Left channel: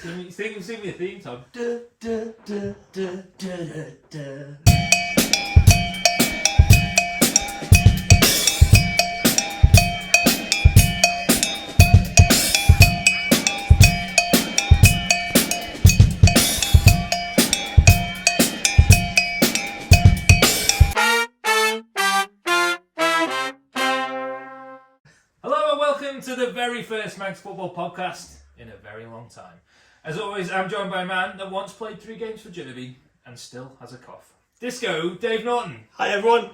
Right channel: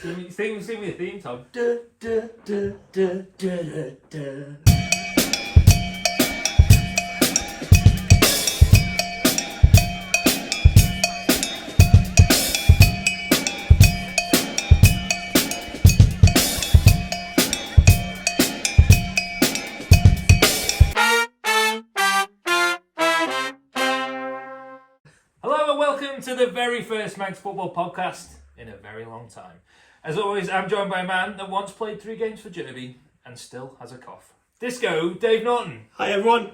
Sing me a theme song. Hello and welcome to the very first Manx Football Podcast in a very long time. As always, I'm joined by a man that once played 3 games for Derby and still has a cough. Disco, Dave Norton. Hi everyone.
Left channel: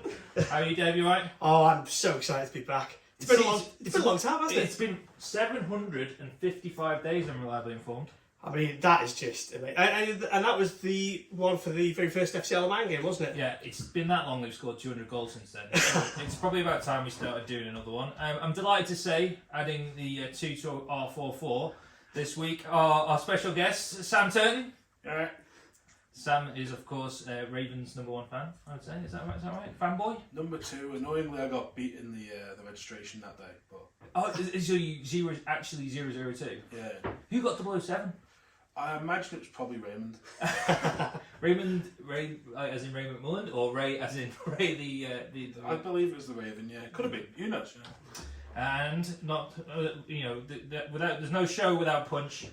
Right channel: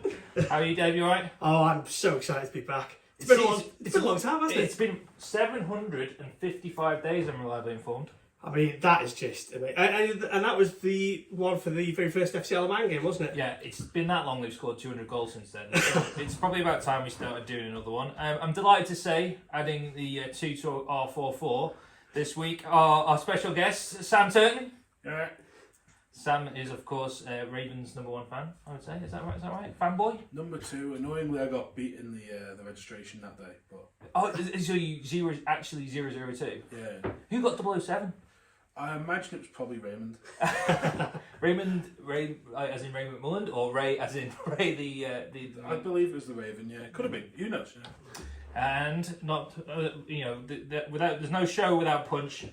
How are you, Dave? You alright? Oh, I'm so excited to be back. It's been a long time, hasn't it? It's been 755 days, I'm reliably informed. I mean, that is just amazing. And that was the one for the very first FC Man game, wasn't it? Yeah, it's been that long they've scored 200 goals since then. So it's probably about time we started doing another one. I'm delighted to say, adding the 2 to our 4-4 this week, our special guest, Sam Turton. Yeah. Sam is, of course, Ravens' #1 fan, I would say. Is that right? Fanboy? Number 2. Annoyingly, I got beat in the registration that day. But So you actually 002? yeah. Who got 007? I imagine it was probably Raymond. Ray as in Ray McMullen, or Ray as in Ray the I believe it was the Raven. Yeah, could have been. Who knows? Yeah. And not without there's no show without punch.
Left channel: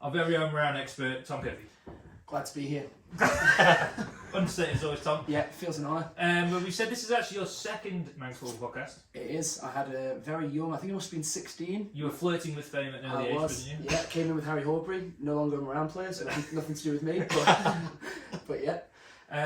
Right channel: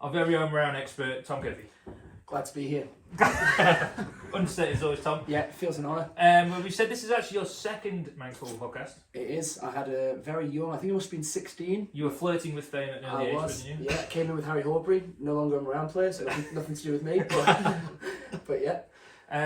Our very own Marown expert, Tom Curphey. Glad to be here. Understated as always, Tom. Yeah, it feels an honour. We said this is actually your second Manx Football Podcast. It is. I had a very young, I think it must have been 16. You were flirting with fame at an early age, wasn't you? Yeah, came in with Harry Horbury, no longer a Marown player, so nothing to do with me. But yeah.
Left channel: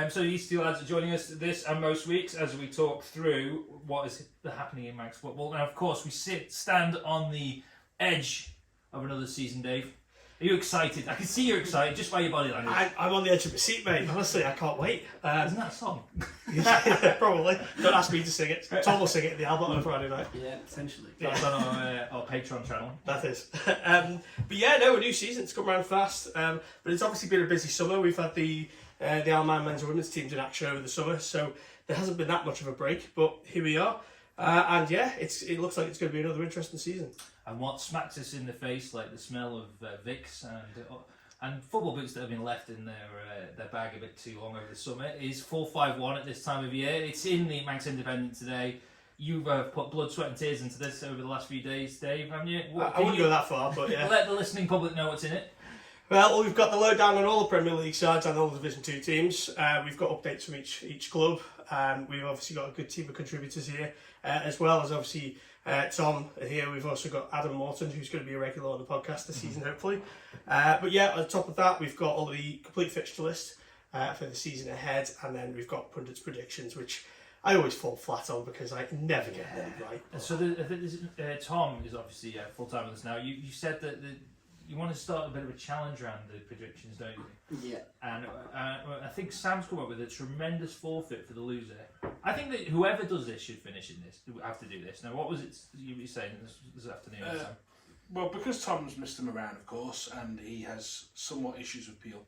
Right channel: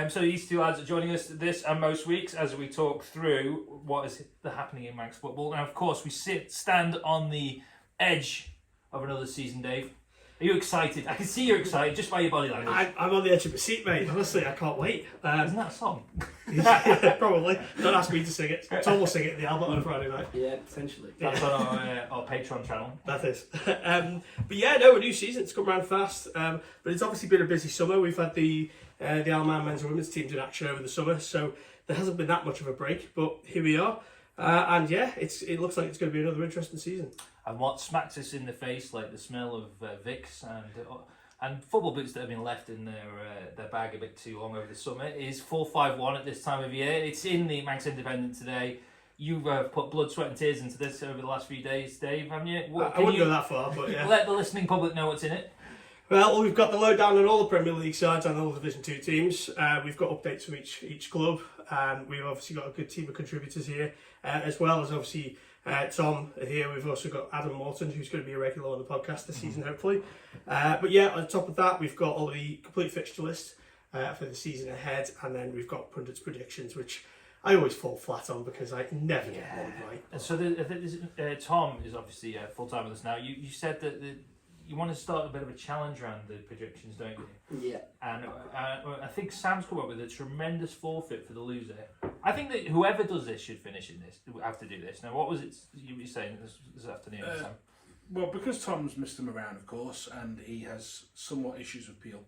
So these two lads are joining us this and most weeks as we talk through what is happening in Manx football. And of course, we stand on the edge of another season, Dave. Are you excited? I can see you're excited just by your body language. I'm on the edge of my seat, mate. Honestly, I can't wait. Isn't that a song? Yeah, probably. Don't ask me to sing it. Tom will sing it at the Albert on Friday night. Yeah, essentially. That's on our Patreon channel. That is. But yeah, no, a new season's come around fast. But it's obviously been a busy summer. We've had the Alman men's and women's teams in action over the summer, so there hasn't been that much of a break. But here we are. And yeah, it looks like it's going to be another interesting season. And what smacks us in the face, like the smell of Vicks and football boots that have been left in their bag a bit too long over the summer, is 4-5-1 at this time of year. It's in the Manx Independent today. You've put blood, sweat and tears into this over the last few days, Dave, haven't you? I wouldn't go that far, but yeah. Let the listening public know what's in it. Well, we've got the lowdown on all the Premier League sides and all the Division 2 teams. We've got updates from each club. We've obviously got a good team of contributors here, as well as obviously Tom here. We've also got Adam Morton, who's going to be a regular on the podcast this season, hopefully. But yeah, on top of that, we've got all the complete fixture list for the season ahead, and then we've got pundits' predictions, which I always fall flat on because I never get one right. So Tom is obviously full-time with us now. You said that you want to start a bit of a challenge around the predictions, don't you? Yeah. And I think Sam's come up with a tremendous forfeit for the loser. I think that whoever does this should finish in this. Have to do this. Now, what was it you were saying this afternoon, Sam? Well, because Tom's Mr. Marown, of course, and he has somewhat issues with Peel.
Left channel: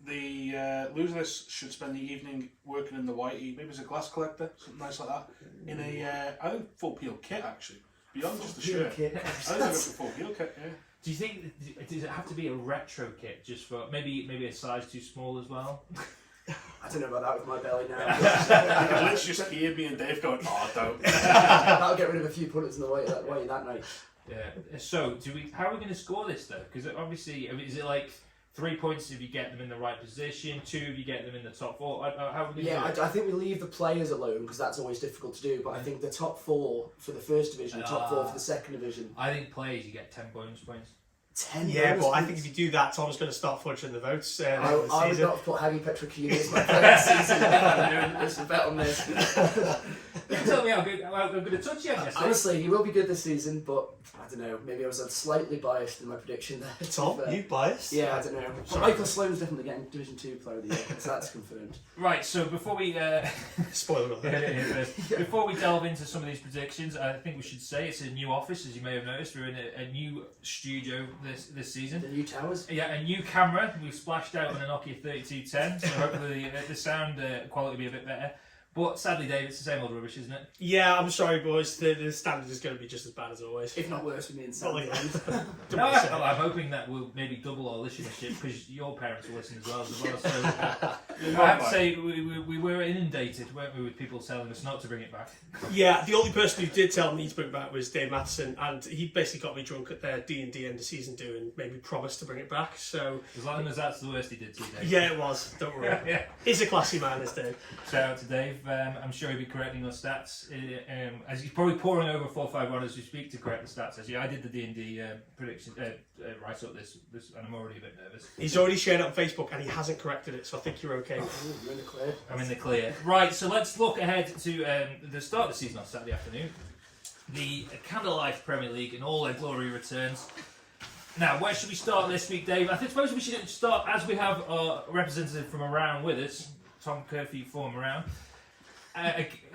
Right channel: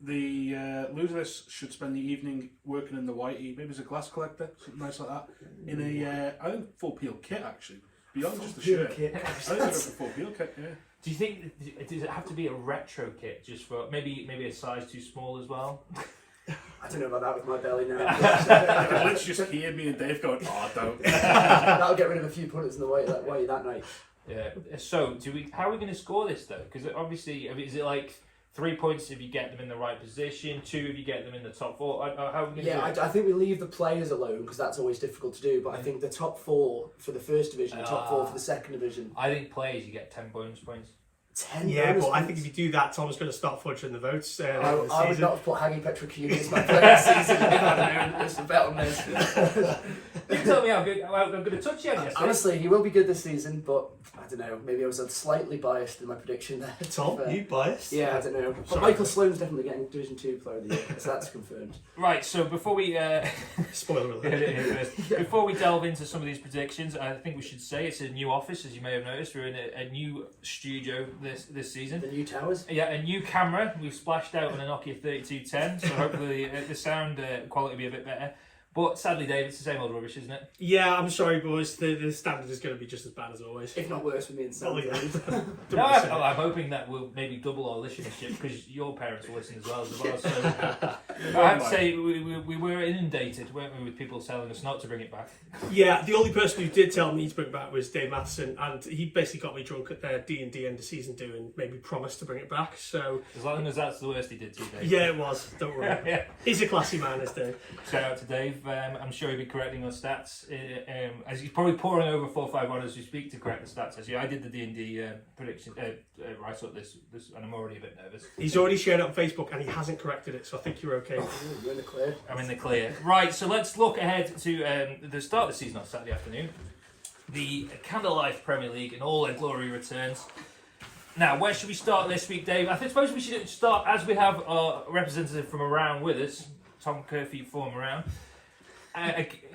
The loser should spend the evening working in the whitey, maybe as a glass collector, something nice like that, in a I think full Peel kit actually. Beyond just the shirt. Kit. I think it's a full Peel kit, yeah. Do you think, does it have to be a retro kit just for maybe a size too small as well? I don't know about that with my belly now. Let's just hear me and Dave going, oh, don't. That'll get rid of a few punters in the way that night. Yeah. So, how are we going to score this though? Because obviously, is it like 3 points if you get them in the right position, 2 if you get them in the top 4? How are we going to do it? I think we leave the players alone because that's always difficult to do. But I think the top 4 for the first division, top 4 for the second division. I think players you get 10 bonus points. 10 yeah, bonus but points. I think if you do that, Tom's going to start fudging the votes. I would not have put Haggy Petrakini as my player this season. It's a bet on this. You tell me how good a touch he had yesterday. Honestly, he will be good this season, but I don't know. Maybe I was slightly biased in my prediction there. Tom, you biased? Yeah, I don't know. But Michael Sloan's definitely getting Division 2 Player of the Year, so that's confirmed. Right, so before we spoiler alert. Before we delve into some of these predictions, I think we should say it's a new office, as you may have noticed. We're in a new studio this season. The new towers? Yeah, a new camera. We've splashed out on a Nokia 3210, so hopefully the sound quality will be a bit better. But sadly, Dave, it's the same old rubbish, isn't it? Yeah, I'm sorry, boys. The standard is going to be just as bad as always. If not worse for me and Sam. No, I'm hoping that we'll maybe double our listenership because your parents will listen as well. So I have to say, we were inundated, weren't we, with people telling us not to bring it back. Yeah, the only person who did tell me to bring it back was Dave Matheson, and he basically got me drunk at their D&D end of season do and made me promise to bring it back. So as long as that's the worst he did to you, Dave. Yeah, it was. Don't worry. Yeah. He's a classy man, is Dave. Shout out to Dave. I'm sure he'll be correcting our stats as he's probably poring over 4-5-1 as we speak to correct the stats. Actually, I did the D&D prediction write up this, and I'm already a bit nervous. He's already shared it on Facebook and he hasn't corrected it, so I think you're okay. You're in the clear. I'm in the clear. Right, so let's look ahead to the start of the season on Saturday afternoon. The Candlelight Premier League in all their glory returns. Now, where should we start this week, Dave? I suppose we should start as we have our representative from Marown with us, Tom Curphey from Marown.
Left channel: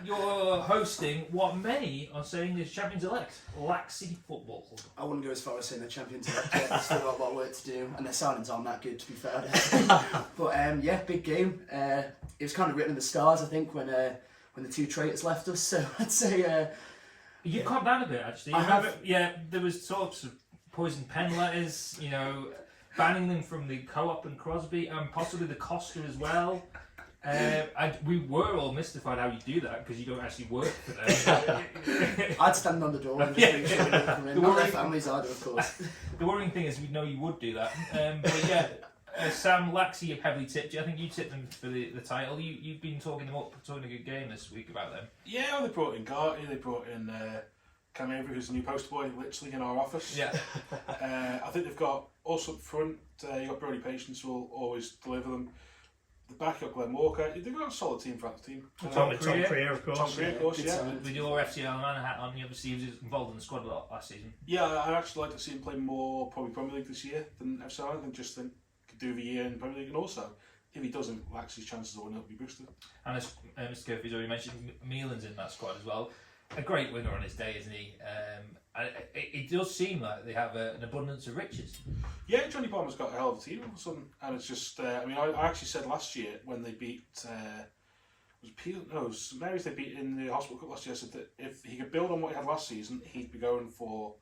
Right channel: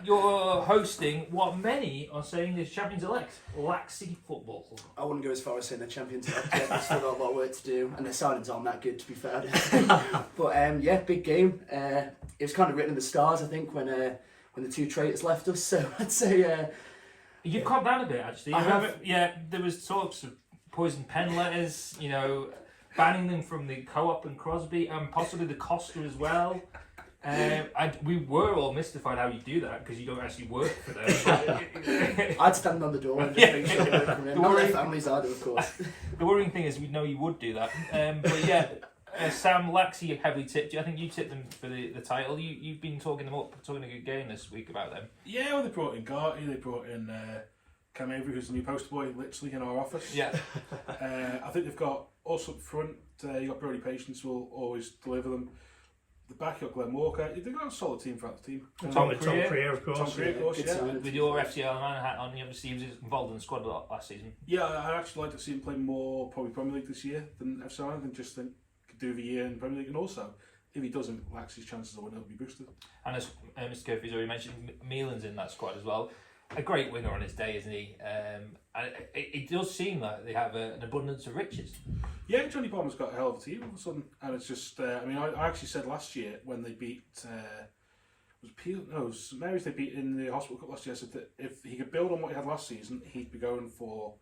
You're hosting what many are saying is champions-elect, Laxey Football. I wouldn't go as far as saying they're champions yet. They've still got a lot of work to do, and their signings aren't that good, to be fair. But yeah, big game. It was kind of written in the stars, I think, when the two traitors left us. So I'd say You've calmed down a bit, actually. Yeah, there was talks of poison pen letters, banning them from the Co-op and Crosby, and possibly the Costa as well. We were all mystified how you do that because you don't actually work for them. I'd stand on the door and just make sure they don't come in. Not their families either, of course. The worrying thing is we know you would do that. But yeah, Sam Laxey heavily tipped you. I think you tipped them for the title. You've been talking them up, talking a good game this week about them. Yeah, well, they brought in Garty, they brought in Cam Avery, who's the new poster boy, literally in our office. Yeah. I think they've got us up front. You've got Brody Patience, who will always deliver them. The back, you've got Glenn Walker. They've got a solid team for that team. Tom Creer, of course. Tom Creer, of course, yeah. With your FCL man hat on, obviously he was involved in the squad a lot last season. Yeah, I'd actually like to see him play more probably Premier League this year than FCL. I think just think could do the year in Premier League, and also if he doesn't, Laxey's chances of winning will be boosted. And as Mr. Curphey's already mentioned, Meelan's in that squad as well. A great winger on his day, isn't he? And it does seem like they have an abundance of riches. Yeah, Johnny Bomber's got a hell of a team all of a sudden, and it's just. I actually said last year when they beat it was St Mary's they beat in the Hospital Cup last year. I said that if he could build on what he had last season, he'd be going for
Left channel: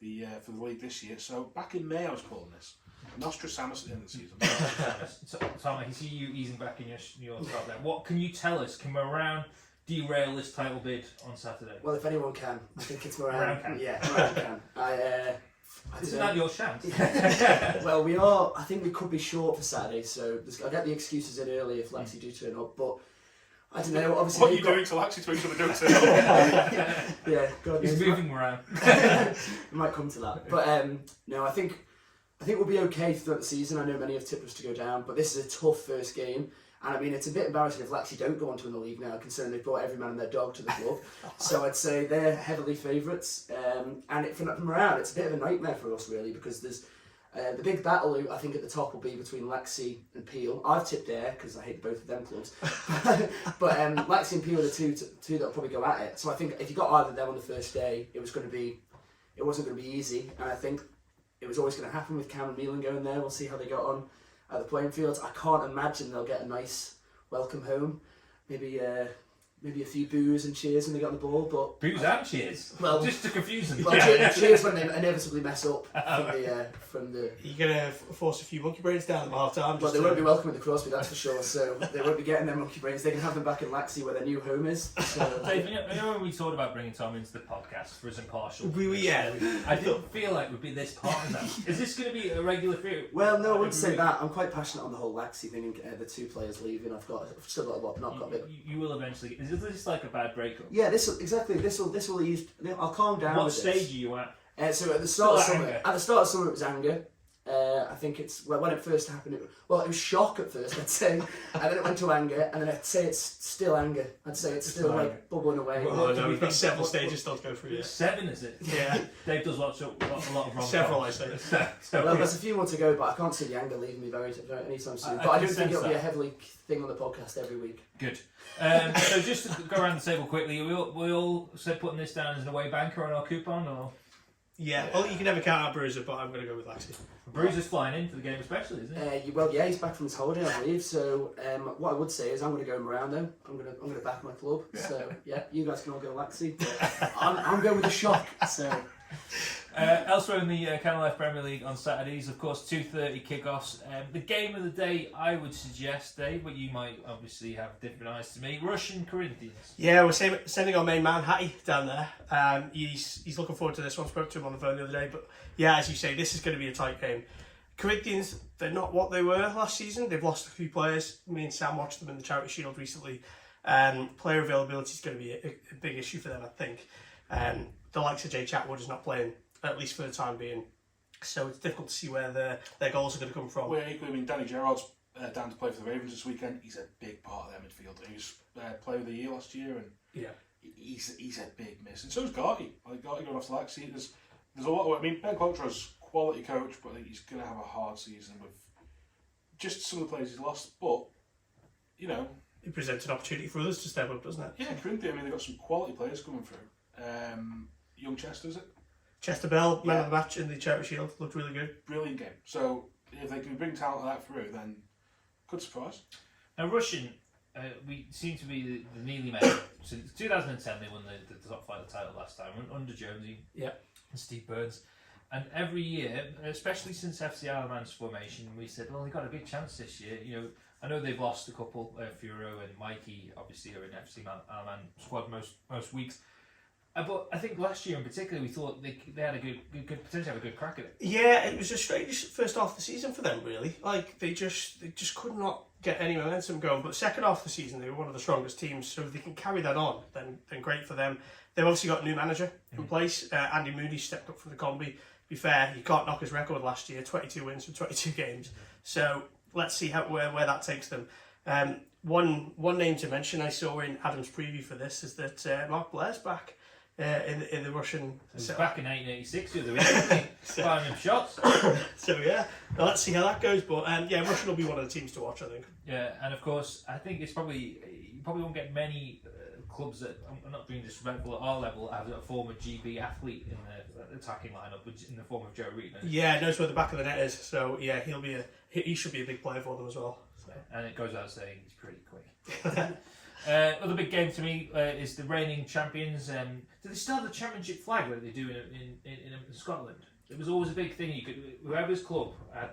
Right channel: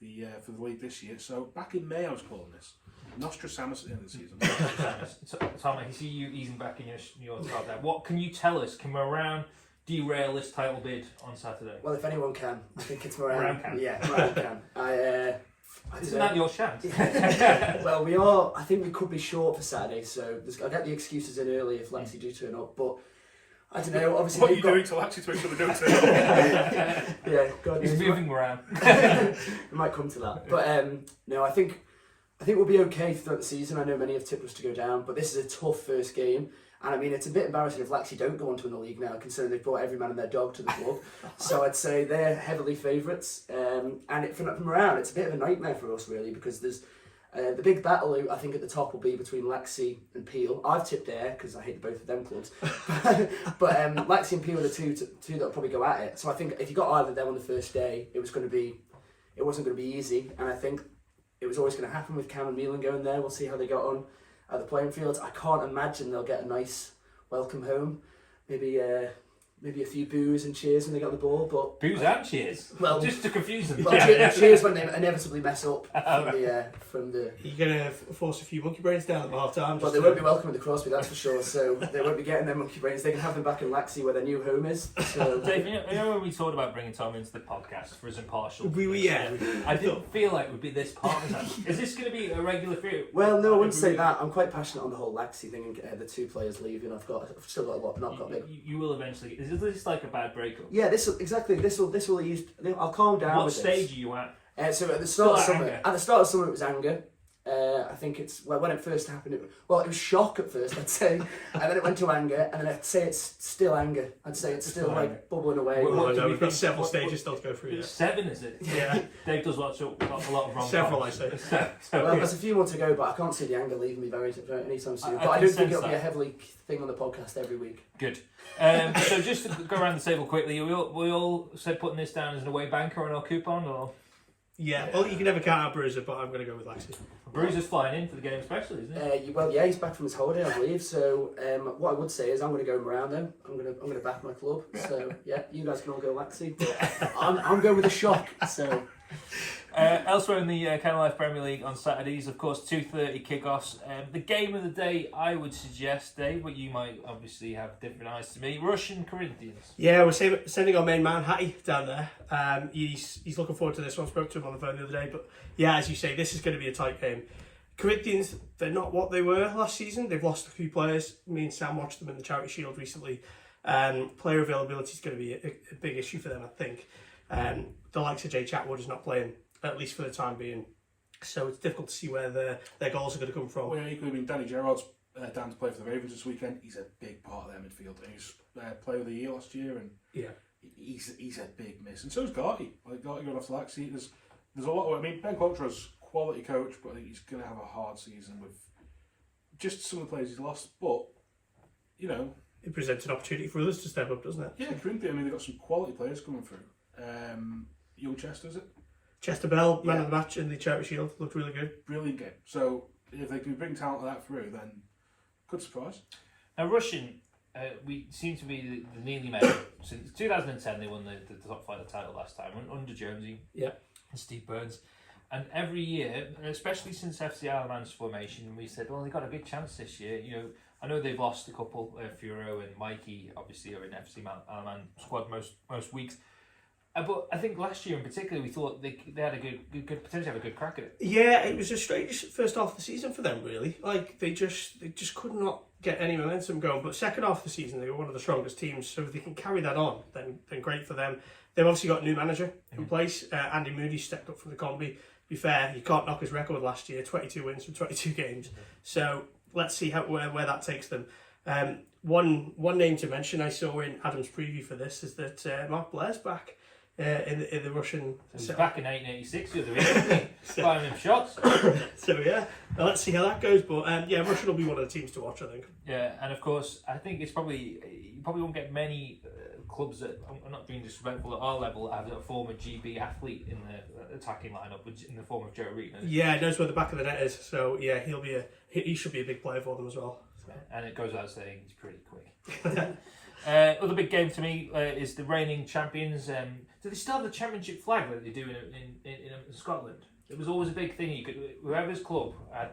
the league this year. So back in May, I was calling this Nostradamus at the end of the season. Tom, I can see you easing back in your thought there. What can you tell us? Can Marown derail this title bid on Saturday? Well, if anyone can, I think it's Marown. Marown can. Yeah, Marown can. Isn't that your chance? Well, we are. I think we could be short for Saturday, so I'll get the excuses in early if Laxey do turn up. But I don't know. Obviously, what are you doing to Laxey to make sure they don't turn up? Yeah, God knows. He's moving around. It might come to that, but no, I think we'll be okay throughout the season. I know many have tipped us to go down, but this is a tough first game. And I mean, it's a bit embarrassing if Laxey don't go on to win the league now, considering they've brought every man and their dog to the club. So I'd say they're heavily favourites. And from Marown, it's a bit of a nightmare for us, really, because there's the big battle, I think, at the top will be between Laxey and Peel. I've tipped there, because I hate both of them clubs. But Laxey and Peel are the two that will probably go at it. So I think if you got either of them on the first day, it wasn't going to be easy. And I think it was always going to happen with Cam and Meelan going there. We'll see how they got on at the playing fields. I can't imagine they'll get a nice welcome home. Maybe a few boos and cheers when they get on the ball, but boos and cheers. Well, just to confuse them. Well, cheers when they inevitably mess up from the. You're gonna force a few monkey brains down at half time. Well, they won't be welcoming the Crosby, that's for sure. So they won't be getting their monkey brains. They can have them back in Laxey where their new home is. So. Dave, you know when we thought about bringing Tom into the podcast for his impartial? Yeah. I didn't feel like we'd be this partisan. Is this going to be a regular fear? Well, no, I wouldn't say that. I'm quite passionate on the whole Laxey thing and the two players leaving. I've still got a lot, not got it. You will eventually. Is this like a bad breakup? Yeah, this will ease. I'll calm down. What with stage this. are you at? So at the start of summer, it was anger. I think it's when it first happened. It was shock at first, I'd say, and then it went to anger, and then I'd say it's still anger. I'd say it's still like bubbling away. Well, no, we've got several stages still to go through. 7, is it? Yeah. Dave does a lot of wrong. Several, I say. Well, there's a few more to go, but I can't see the anger leaving me very anytime soon. But I don't think it'll be a heavily thing on the podcast every week. Good. So just to go around the table quickly, we all said putting this down as an away banker on our coupon, or? Yeah, well, you can never count out Bruiser, but I'm going to go with Laxey. Bruiser's flying in for the game especially, isn't he? Well, yeah, he's back from his holiday, I believe. So what I would say is I'm going to go Marown then. I'm going to back my club. So yeah, you guys can all go Laxey, but I'm going with a shock. So. Elsewhere in the Kennel Life Premier League on Saturdays, of course, 2:30 kickoffs. The game of the day, I would suggest, Dave, but you might obviously have different eyes to me. Russian Corinthians. Yeah, we're sending our main man Hattie down there. He's looking forward to this one. Spoke to him on the phone the other day, but yeah, as you say, this is going to be a tight game. Corinthians, they're not what they were last season. They've lost a few players. Me and Sam watched them in the Charity Shield recently. Player availability is going to be a big issue for them, I think. The likes of Jay Chatwood is not playing, at least for the time being. So it's difficult to see where their goals are going to come from. Well, equally, I mean, Danny Gerrard's down to play for the Ravens this weekend. He's a big part of their midfield. He was player of the year last year, and he's a big miss. And so is Garty. I think Garty going off to Laxey. There's a lot. I mean, Ben Qualtro's quality coach, but I think he's going to have a hard season with just some of the players he's lost. But you know, it presents an opportunity for others to step up, doesn't it? Yeah, Corinthians. I mean, they've got some quality players coming through. Young Chester, is it? Chester Bell, man of the match in the Charity Shield, looked really good. Brilliant game. So if they can bring talent like that through, then good surprise. Now Russian, we seem to be the nearly made. Since 2010, they won the top flight title last time under Jonesy. Yeah. And Steve Burns. And every year, especially since FC Isle of Man's formation, we said, well, they've got a good chance this year. You know, I know they've lost a couple. Furo and Mikey obviously are in FC Isle of Man squad most weeks. But I think last year in particular, we thought they had a good potentially have a good crack at it. Yeah, it was a strange first half of the season for them, really. Like they just could not get any momentum going. But second half of the season, they were one of the strongest teams. So if they can carry that on, then great for them. They've obviously got a new manager in place. Andy Moody stepped up from the combi. To be fair, you can't knock his record last year: 22 wins from 22 games. So let's see where that takes them. One name to mention I saw in Adam's preview for this is that Mark Blair's back. In the Russian... So back in 1886 the other week, firing them shots. So yeah, now let's see how that goes. But yeah, Russia will be one of the teams to watch, I think. Yeah, and of course, I think it's you probably won't get many clubs that, I'm not being disrespectful at our level, have a former GB athlete in the attacking lineup, which in the form of Joe Reed. Yeah, knows where the back of the net is. So yeah, he should be a big player for them as well. So. And it goes out saying he's pretty quick. Other big game to me is the reigning champions. Do they still have the championship flag that they do in Scotland? It was always a big thing. Whoever's club had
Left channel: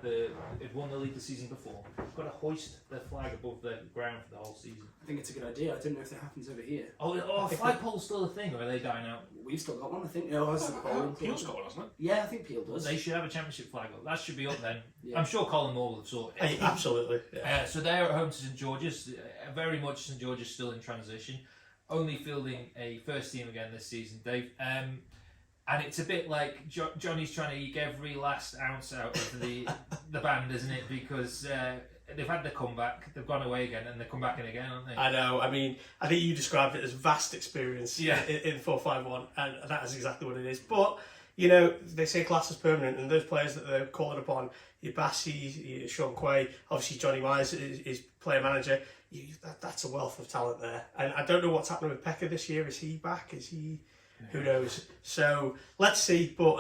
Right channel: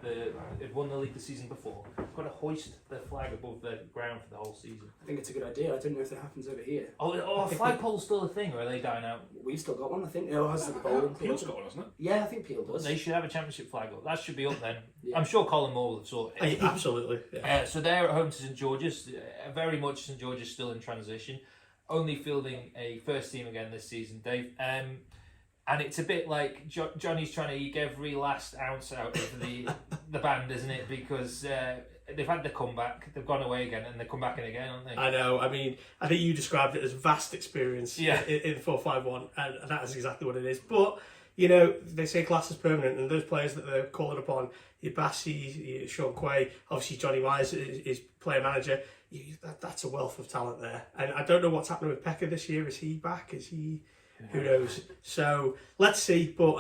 won the league the season before, got to hoist the flag above the ground for the whole season. I think it's a good idea. I don't know if that happens over here. Oh, flagpole's still a thing, or are they dying out? We've still got one, I think. No, it's the bowling. Peel's got one, hasn't it? Yeah, I think Peel does. They should have a championship flag up. That should be up then. Yeah. I'm sure Colin Moore will sort it. Absolutely. Yeah. So they're at home to St George's. Very much St George's still in transition. Only fielding a first team again this season, Dave. And it's a bit like Johnny's trying to eke every last ounce out of the band, isn't it? Because they've had the comeback, they've gone away again, and they're come back in again, aren't they? I know. I mean, I think you described it as vast experience in 4-5-1, and that is exactly what it is. But, you know, they say class is permanent, and those players that they're calling upon, your Bassey, your Sean Quay, obviously Johnny Myers is player manager. That's a wealth of talent there. And I don't know what's happening with Pekka this year. Is he back? Is he... Who knows? So let's see. But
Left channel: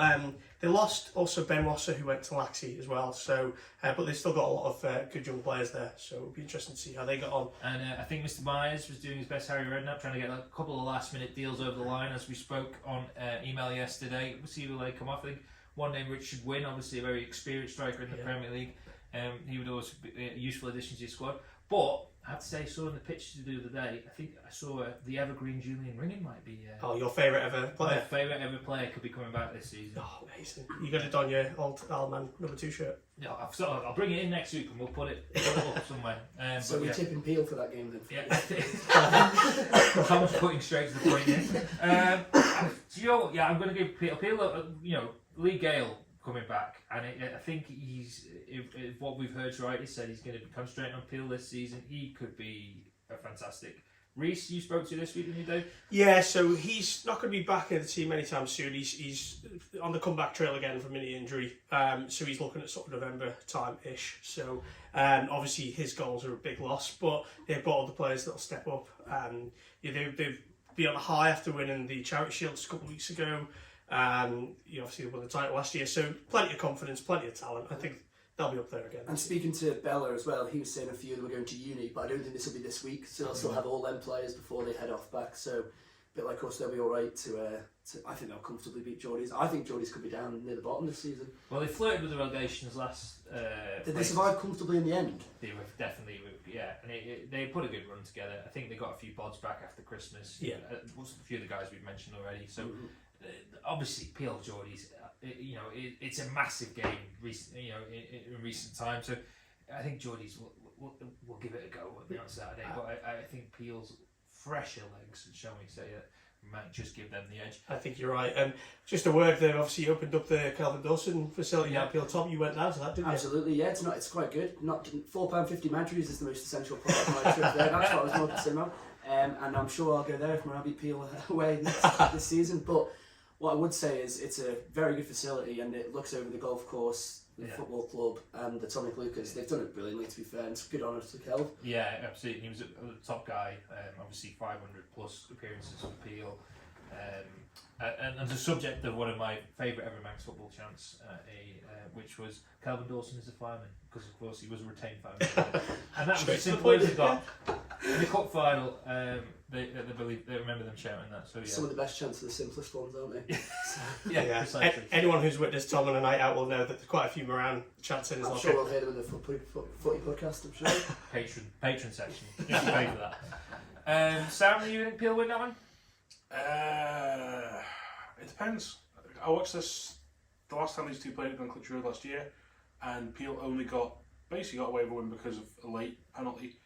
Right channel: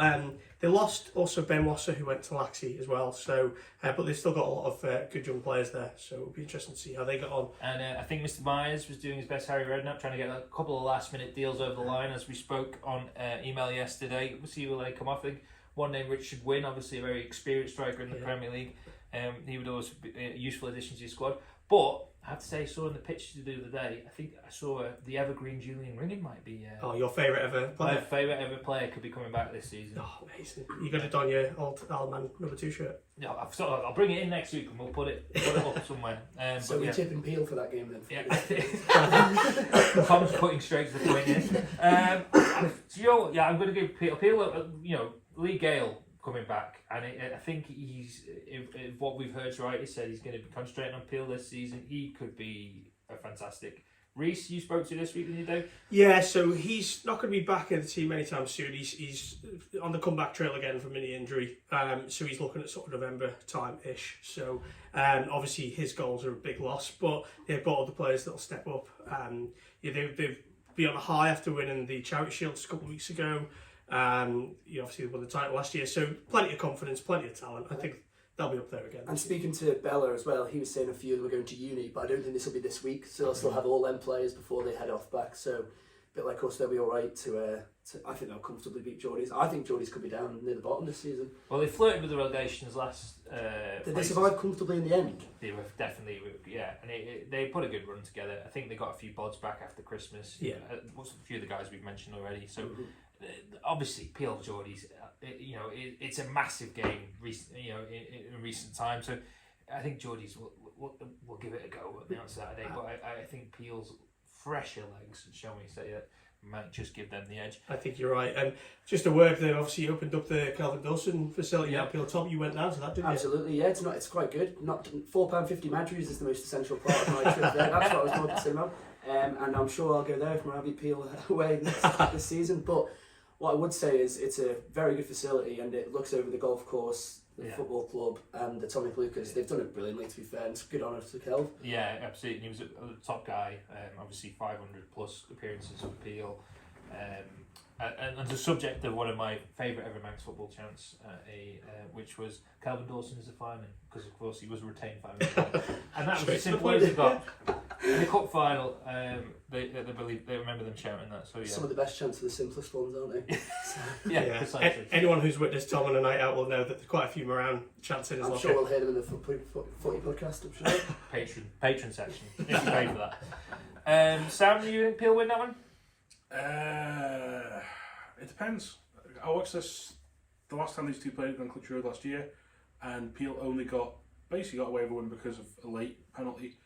they lost also Ben Wasser, who went to Laxey as well. So, but they've still got a lot of good young players there. So it'll be interesting to see how they got on. And I think Mr. Myers was doing his best Harry Redknapp, trying to get a couple of last-minute deals over the line, as we spoke on email yesterday. We'll see where they come off. I think one name, Richard Wynne, obviously a very experienced striker in the Premier League. He would always be a useful addition to his squad. But I have to say, I saw in the pictures the other day, I think I saw the evergreen Julian Ringham might be... your favourite ever player? My favourite ever player could be coming back this season. Oh, amazing. You got it on your old man number 2 shirt? Yeah, I'll bring it in next week and we'll put it up somewhere. So we're tipping Peel for that game then? Yeah. Tom's putting straight to the point here. So, you know what, I'm going to give Peel, Lee Gale coming back, and I think if what we've heard's right, he said he's going to come straight on Peel this season. He could be a fantastic. Reece, you spoke to this week, didn't you, Dave? Yeah, so he's not going to be back in the team anytime soon. He's on the comeback trail again from mini injury, so he's looking at sort of November time-ish. So obviously his goals are a big loss, but they've got other players that'll step up. They've been on a high after winning the Charity Shield a couple of weeks ago. You obviously won the title last year, so plenty of confidence, plenty of talent. I think they'll be up there again. And speaking to Bella as well, he was saying a few of them are going to uni, but I don't think this will be this week, so they'll still have all them players before they head off back. So, a bit like us, they'll be all right to I think they'll comfortably beat Geordies. I think Geordies could be down near the bottom this season. Well, they flirted with the relegations last. Did they survive comfortably in the end? They were definitely, yeah, and they put a good run together. I think they got a few pods back after Christmas. Yeah, a few of the guys we've mentioned already. So obviously, Peel Geordies, it's a massive game. In recent times, so I think Geordies will give it a go on Saturday. But I think Peel's fresher legs, shall we say that, might just give them the edge. I think you're right. And just a word there, obviously you opened up the Calvin Dawson facility now, Peel Top. You went down to that, didn't you? Absolutely, yeah. It's quite good. Not £4.50 Matthews is the most essential part of my trip there. That's what I was more concerned about. And I'm sure I'll go there if Moravi Peel away this season. But what I would say is it's a very good facility and it looks over the golf course, the football club and the Tommy Lucas. They've done it brilliantly, to be fair, and it's good honour to Kelv. Yeah, absolutely. He was the top guy, obviously 500 plus appearances for Peel. And the subject of one of my favourite ever Manx football chants, which was Calvin Dawson is a fireman, because of course he was a retained fireman. And that was as simple as it got. In the cup final, they remember them shouting that. So yeah, some of the best chants are the simplest ones, aren't they? yeah, precisely. Anyone who's witnessed Tom on a night out will know that there's quite a few Moran chants in his I'm sure we'll hear them in the footy podcast, I'm sure. Patron section. You should pay for that. Sam, you think Peel win that one? It depends. I watched this the last time these two played at Glencliff Road last year, and Peel only got away with a win because of a late penalty.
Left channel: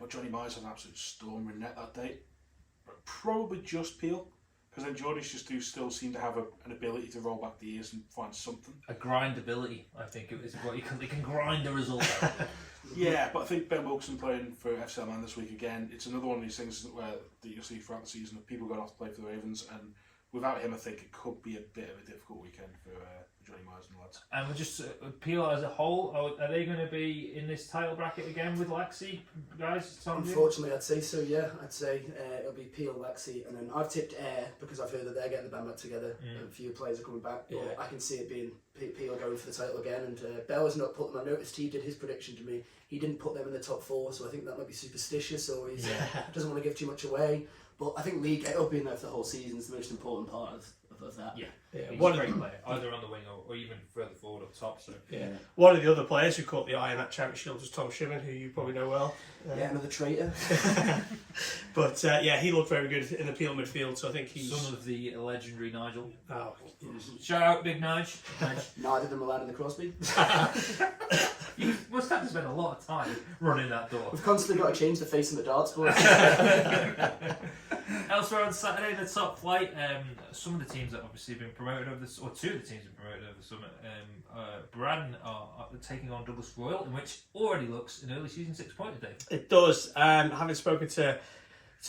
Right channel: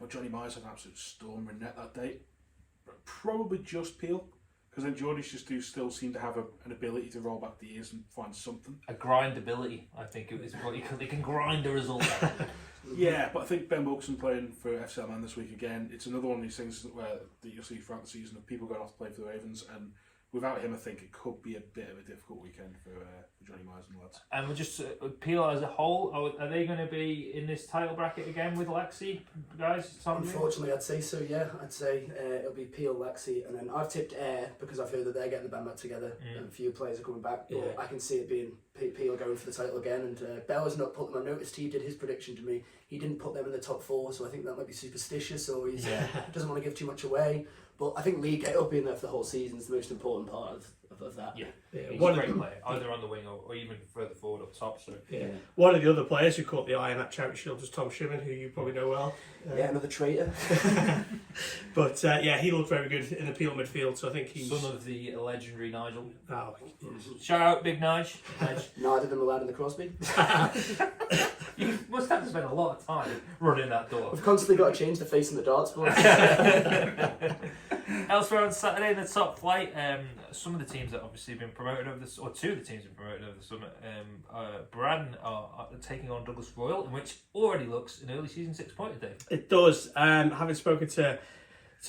But Johnny Myers had an absolute storm in net that day. But probably just Peel, because then Geordies just do still seem to have an ability to roll back the ears and find something. A grindability, I think it is what you call. They can grind a result. Yeah, but I think Ben Wilson playing for FC Man this week again. It's another one of these things that you'll see throughout the season of people going off to play for the Ravens, and without him, I think it could be a bit of a difficult weekend for Johnny Myers and the lads. And we're just Peel as a whole. Are they going to be in this title bracket again with Lexi, guys? Unfortunately, I'd say so. Yeah, I'd say it'll be Peel, Lexi, and then I've tipped Ayr because I've heard that they're getting the band back together. And a few players are coming back, but I can see it being Peel going for the title again. And Bella's not put them. I noticed he did his prediction to me. He didn't put them in the top 4, so I think that might be superstitious, or he doesn't want to give too much away. But I think Lee Gale being there for the whole season is the most important part of that. Yeah. He's a great player, either on the wing or even further forward up top. So one of the other players who caught the eye in that Charity Shield was Tom Shimmin, who you probably know well. Another traitor. But he looked very good in the Peel midfield, so I think he's son of the legendary Nigel. Oh, shout out, Big Nige. Neither of them allowed in the Crosby. You must have to spend a lot of time running that door. We've constantly got to change the face in the darts board. Elsewhere on Saturday, the top flight, some of the teams that obviously have been promoted over this, or two of the teams have been promoted over the summer. Braden are taking on Douglas Royal, in which already looks an early season 6-pointer day. It does. Having spoken to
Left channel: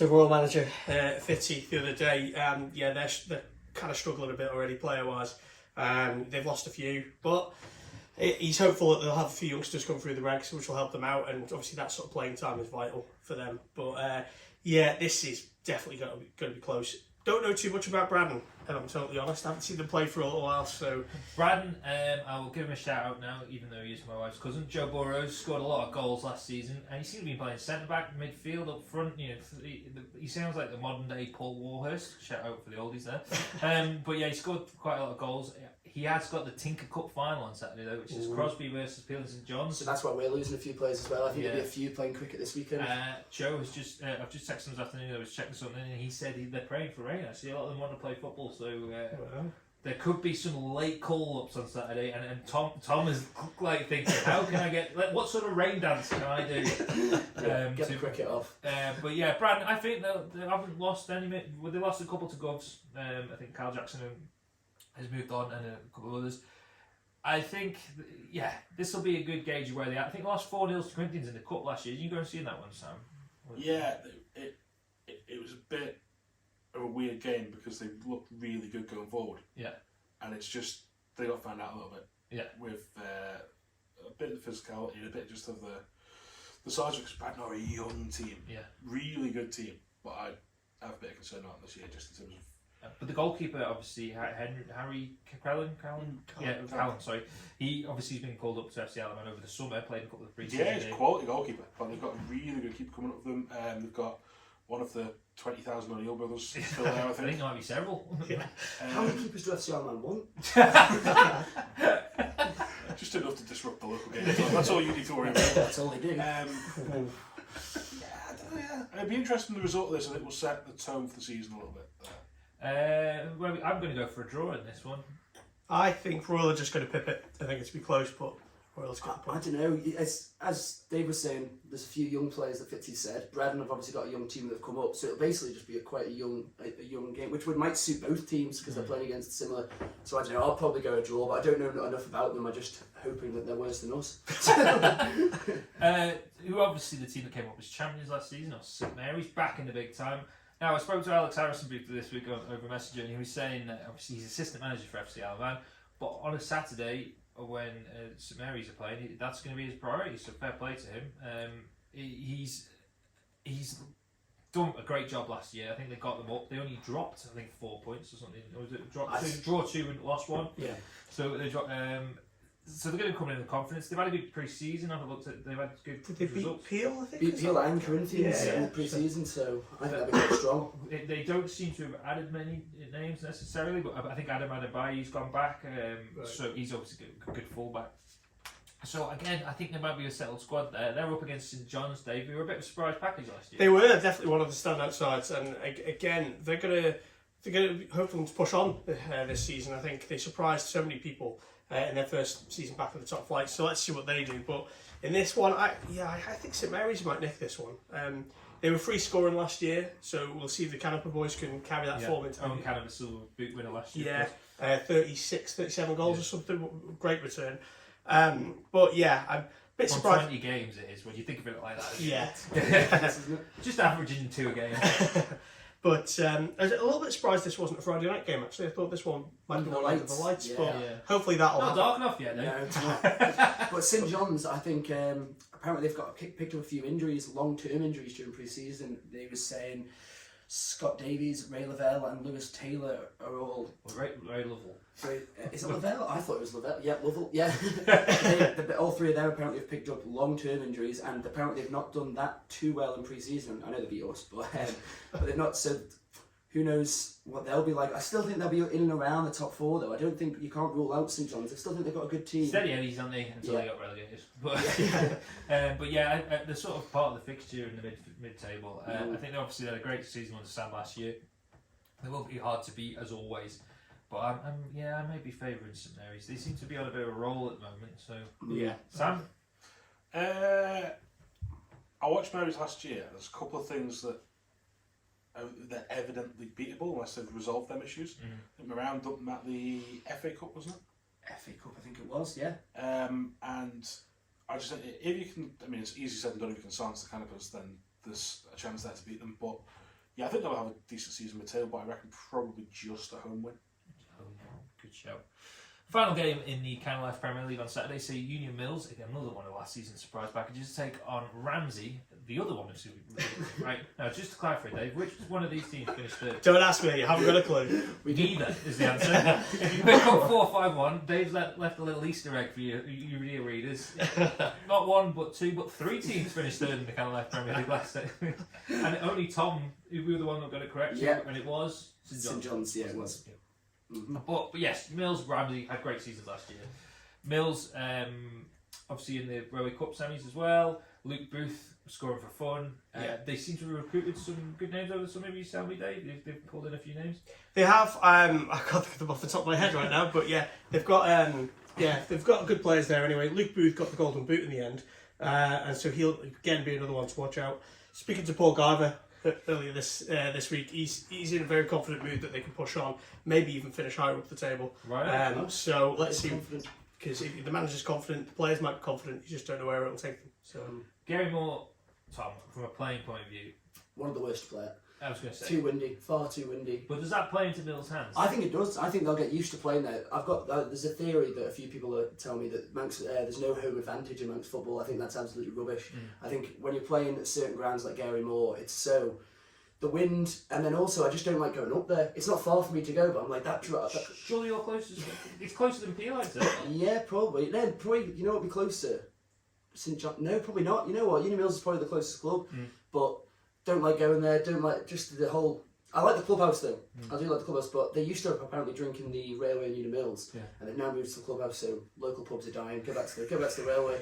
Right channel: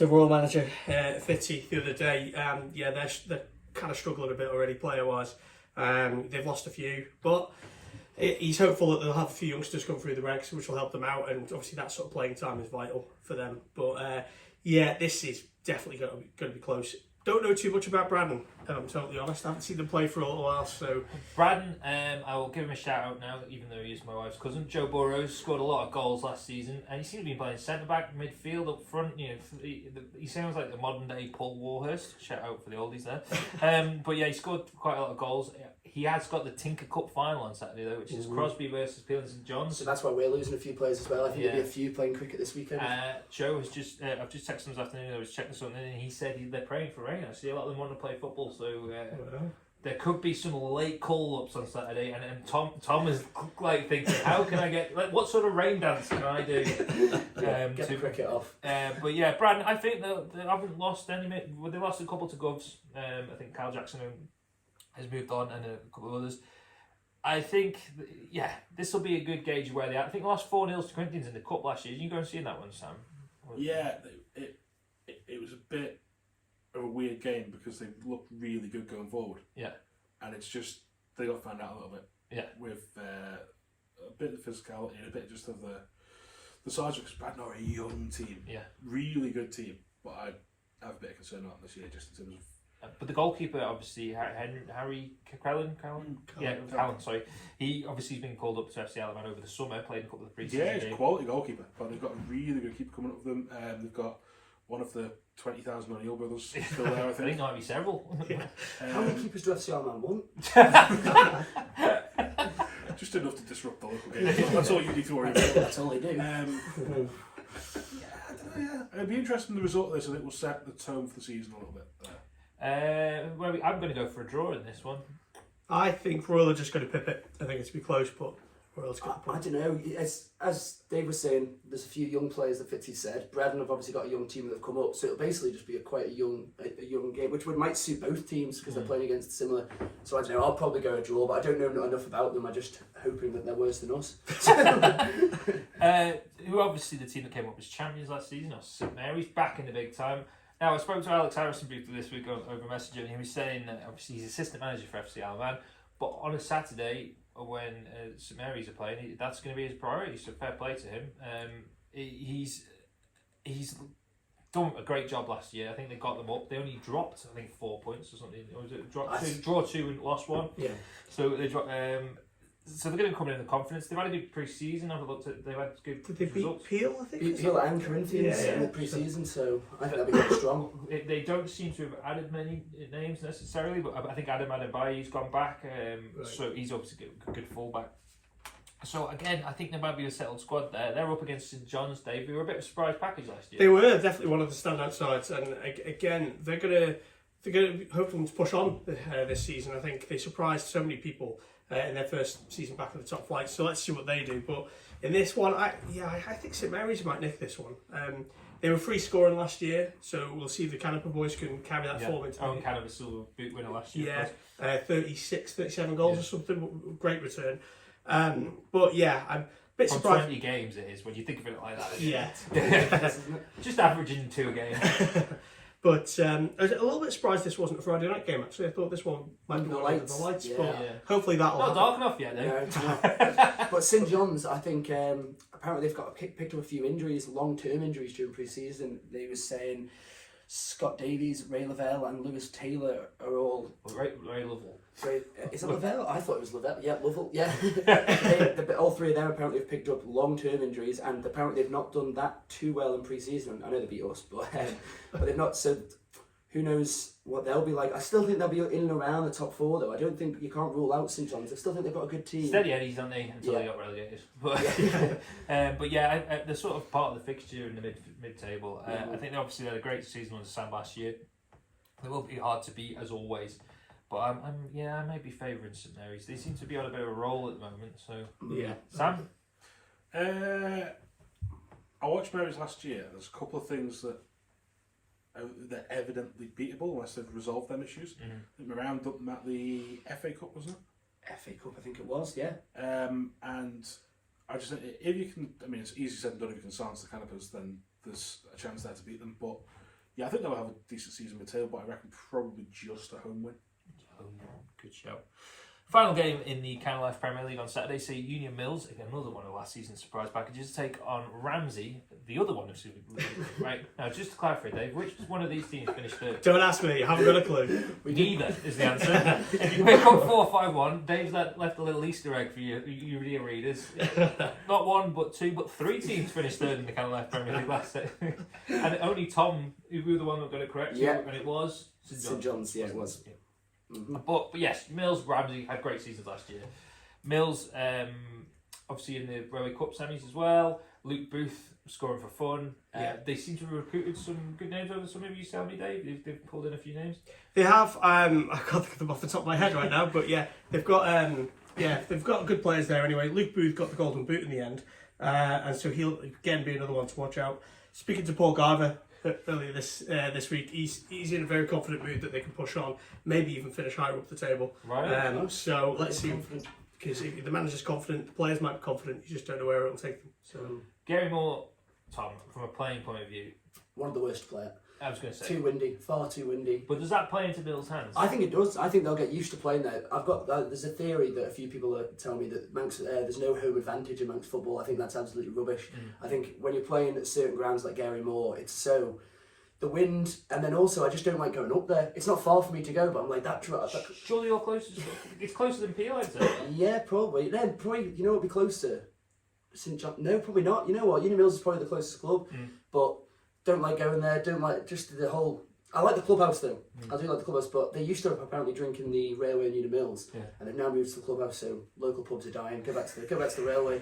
Royal manager Fitzy the other day, they're kind of struggling a bit already player wise. They've lost a few, but he's hopeful that they'll have a few youngsters come through the ranks, which will help them out, and obviously that sort of playing time is vital for them. But this is definitely going to be close. Don't know too much about Braden, if I'm totally honest. I haven't seen them play for a little while, so... Braden, I will give him a shout out now, even though he is my wife's cousin. Joe Burrows scored a lot of goals last season, and he seems to be playing centre-back, midfield, up front. He sounds like the modern-day Paul Warhurst. Shout out for the oldies there. But he scored quite a lot of goals. He has got the Tinker Cup final on Saturday, though, which is Crosby versus Peel and St John's. So that's why we're losing a few players as well. I think there'll be a few playing cricket this weekend. Joe has just, I've just texted him this afternoon, I was checking something, and he said they're praying for rain. I see a lot of them want to play football, so there could be some late call-ups on Saturday, and Tom is thinking, how can I get, what sort of rain dance can I do? Get the cricket off. But Braden, I think they haven't lost any, they lost a couple to Govs. I think Kyle Jackson has moved on, and a couple of others. I think, this will be a good gauge of where they are. I think they lost 4-0 to Corinthians in the Cup last year. Did you go and see that one, Sam? Yeah, it was a bit of a weird game because they looked really good going forward. Yeah. And it's just, they got found out a little bit. Yeah. With a bit of physicality and a bit just of the size of Braden are a young team. Yeah. Really good team. But I have a bit of concern about them this year just in terms of But the goalkeeper, obviously, Harry Callan, sorry. He obviously has been called up to FC Alaman over the summer, played a couple of pre-season games. Yeah, he's a quality goalkeeper, but they've got a really good keeper coming up with them. They've got one of the 20,000 O'Neill brothers still there, I think. I think there might be several. How many keepers do FC Alaman want? Just enough to disrupt the local game. That's all you need to worry about. That's all they do. It'd be interesting the result of this, and it will set the tone for the season a little bit. I'm going to go for a draw in this one. I think Royal are just going to pip it. I think it's going to be close, but Royal's going to I don't know. As Dave was saying, there's a few young players that Fitzy said. Bredon have obviously got a young team that have come up, so it'll basically just be quite a young game, which might suit both teams because they're playing against similar. So I don't know. I'll probably go a draw, but I don't know enough about them. I'm just hoping that they're worse than us. Who obviously the team that came up as champions last season, or St Mary's, back in the big time. Now, I spoke to Alex Harrison briefly this week over Messenger, and he was saying that obviously he's assistant manager for FC Alaman, but on a Saturday when St Mary's are playing, that's going to be his priority, so fair play to him. He's done a great job last year. I think they got them up. They only dropped, I think, 4 points or something. Or was it draw 2 and lost 1? Yeah. So they dropped. So they're going to come in with confidence. They've had a good pre-season. I've looked at. They've had good Did they results. beat Peel? I think. Beat Peel and Corinthians in the pre-season, so I think they'll be quite strong. They don't seem to have added many names necessarily, but I think Adam Adebayo's gone back, so he's obviously a good fullback. So again, I think there might be a settled squad there. They're up against St John's, Dave, who were a bit of a surprise package last year. They were definitely one of the standout sides, and again, they're gonna hopefully push on this season. I think they surprised so many people in their first season back in the top flight. So let's see what they do. But in this one, I think St Mary's might nick this one. They were free scoring last year, so we'll see if the Canoper boys can carry that form into the Canoper silver boot winner last year. Yeah, 37 goals or something. Great return. But yeah, I'm a bit surprised. 20 games it is when you think of it like that. Yeah. Just averaging 2 a game. But I was a little bit surprised this wasn't a Friday night game, actually. I thought this one might be one of the lights, but hopefully that'll not dark enough yet, no. But St John's, I think, apparently they've picked up a few injuries, long-term injuries during pre-season. They were saying Scott Davies, Ray Lavelle and Lewis Taylor are all... Ray Lovell. Is it Lavelle? I thought it was Lavelle. Yeah, Lovell. Yeah. All three of them apparently have picked up long-term injuries, and apparently they've not done that too well in pre-season. I know they beat us, but they've not. So who knows what they'll be like? I still think they'll be in and around the top 4, though. I don't think you can't rule out St John's. I still think they've got a good team. Steady Eddies, aren't they? Until they got relegated. But they're sort of part of the fixture in the mid-table. I think they obviously had a great season under Sam last year. They will be hard to beat as always. But I may be favouring St Mary's. They seem to be on a bit of a roll at the moment. So Sam, I watched Mary's last year. There's a couple of things that they're evidently beatable unless they've resolved them issues. I think Marown dumped them at the FA Cup, wasn't it? FA Cup, I think it was. Yeah. And I just think if you can, I mean, it's easy said and done. If you can silence the Canopers, then there's a chance there to beat them. But yeah, I think they'll have a decent season with tail. But I reckon probably just a home win. Good shout. Final game in the Canada Life Premier League on Saturday, see Union Mills, another one of last season's surprise packages, take on Ramsey, the other one of Super League. Right, now just to clarify, Dave, which one of these teams finished third? Don't ask me, I haven't got a clue. Neither is the answer. If you pick up 4-5-1, Dave's left a little Easter egg for you dear readers. Not 1, but 2, but 3 teams finished third in the Canada Life Premier League last day. And only Tom, who was the one that got it correct, and it was St John's, yeah, it was. Yeah. But yes, Mills, Ramsey had great seasons last year. Mills, obviously in the Railway Cup semis as well. Luke Booth scoring for fun. They seem to have recruited some good names over the summer. Have you tell me, Dave? They've pulled in a few names. They have. I can't think of them off the top of my head right now, but yeah, they've got good players there anyway. Luke Booth got the golden boot in the end, and so he'll again be another one to watch out. Speaking to Paul Garver earlier this week, he's in a very confident mood that they can push on, maybe even finish higher up the table. Right. So let's see, because if the manager's confident, the players might be confident. You just don't know where it will take them. So Gary Moore, Tom, from a playing point of view, one of the worst players. I was going to say too windy, far too windy. But does that play into Bill's hands? I think it does. I think they'll get used to playing there. There's a theory that a few people are telling me that Manx, there's no home advantage in Manx football. I think that's absolutely rubbish. I think when you're playing at certain grounds like Gary Moore, it's so the wind, and then also I just don't like going up there. It's not far for me to go, but I'm like that. Surely you're closer. It's closer than Peel, isn't it? Yeah, probably. No, probably. You know what would be closer? St John? No, probably not. You know what? Uni Mills is probably the closest club, but don't like going there. Don't like just the whole. I like the clubhouse though. I do like the clubhouse, but they used to apparently drink in the railway in Uni Mills, and they've now moved to the clubhouse. So local pubs are dying. Go back to the railway.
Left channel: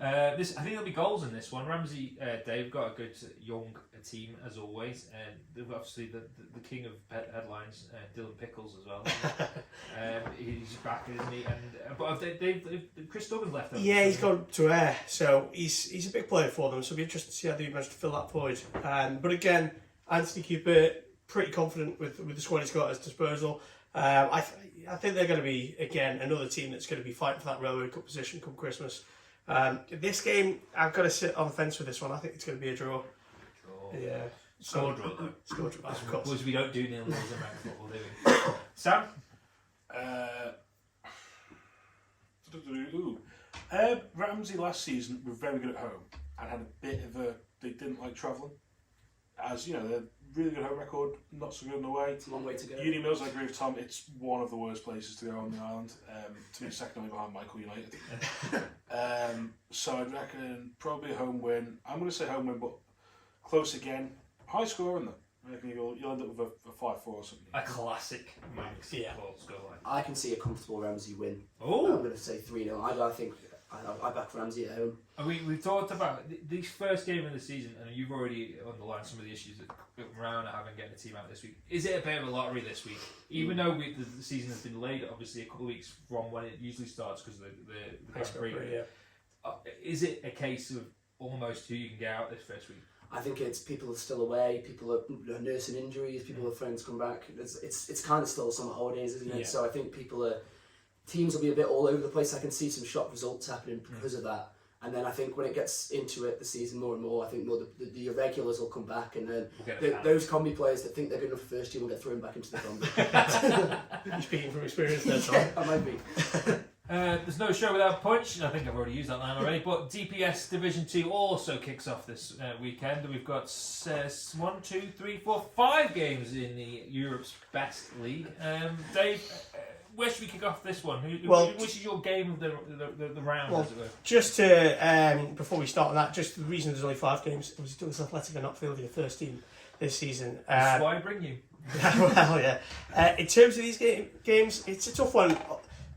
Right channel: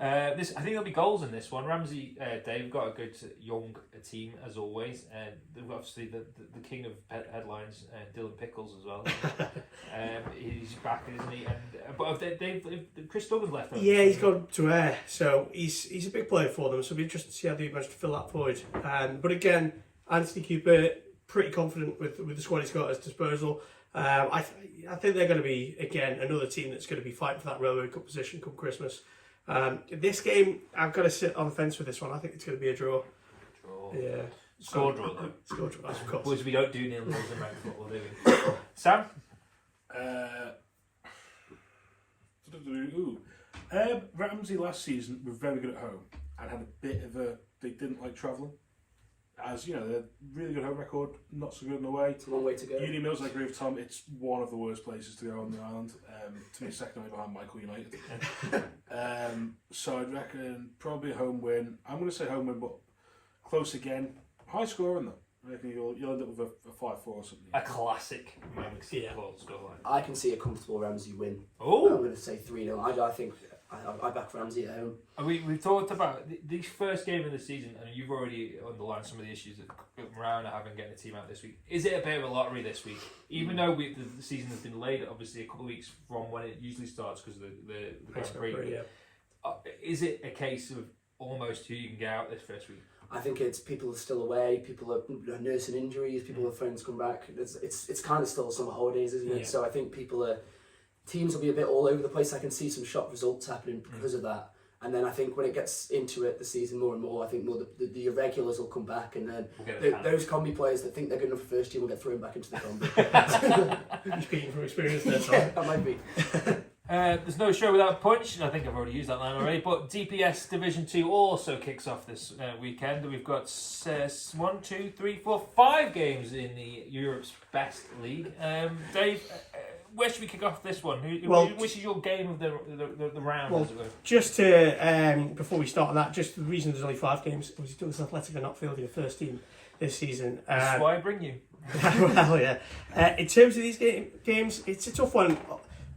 I think there'll be goals in this one. Ramsey, Dave got a good young team as always, and obviously the king of headlines, Dylan Pickles as well. He's back, isn't he? And but Chris Duggan's left. Yeah, he's gone to Ayr, so he's a big player for them. So it'll be interesting to see how they manage to fill that void. But again, Anthony Cooper, pretty confident with the squad he's got at his disposal. I think they're going to be, again, another team that's going to be fighting for that Railway Cup position come Christmas. This game, I've got to sit on the fence with this one. I think it's going to be a draw. Yeah. Score draw, though. Score draw, of course. Which we don't do nil nils in Manx football, do we? Sam? Ramsey last season were very good at home and had a bit of a... They didn't like travelling. As you know, they're really good home record, not so good in the way. It's a long way to go. Uni Mills, I agree with Tom, it's one of the worst places to go on the island. To me, second only behind Michael United. So I'd reckon probably a home win. I'm going to say home win, but close again. High scoring though. I reckon you'll end up with a 5-4 or something. A classic Manx football scoreline. I can see a comfortable Ramsey win. Oh, I'm going to say 3-0. I think I back Ramsey at home. We've talked about this first game of the season, and you've already underlined some of the issues that Marown are having getting a team out this week. Is it a bit of a lottery this week? Even though the season has been delayed, obviously a couple of weeks from when it usually starts because of the Grand Prix. Is it a case of almost who you can get out this first week? I think it's people are still away, people are nursing injuries, people have friends come back. It's kind of still the summer holidays, isn't it? Yeah. So I think teams will be a bit all over the place. I can see some shock results happening because of that. And then I think when it gets into it, the season more and more, I think more the irregulars will come back, and then those combi players that think they're good enough for first team will get thrown back into the combi. Speaking from experience there, Tom. I might be. There's no show without punch, and I think I've already used that line already, but DPS Division 2 also kicks off this weekend. We've got 5 games in the Europe's best league. Dave, where should we kick off this one? Which is your game of the round? Well, just to, before we start on that, just the reason there's only 5 games, obviously Douglas Athletic are not fielding a first team this season. That's why I bring you. Well, yeah. In terms of these games, it's a tough one.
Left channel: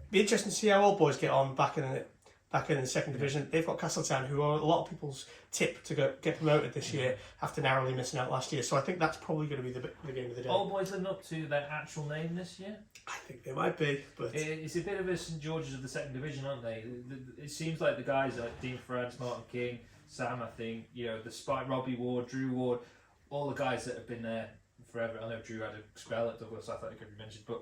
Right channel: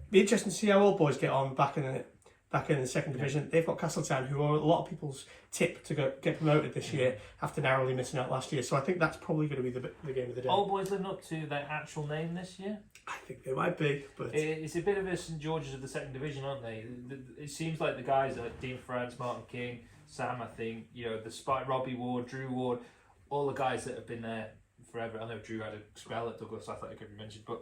Be interesting to see how Old Boys get on back in the second division. They've got Castletown, who are a lot of people's tip to get promoted this year after narrowly missing out last year. So I think that's probably going to be the game of the day. Old Boys living up to their actual name this year? I think they might be, but it's a bit of a St George's of the second division, aren't they? It seems like the guys like Dean France, Martin King, Sam, I think, the Spike, Robbie Ward, Drew Ward, all the guys that have been there forever. I know Drew had a spell at Douglas Athletic, could be mentioned, but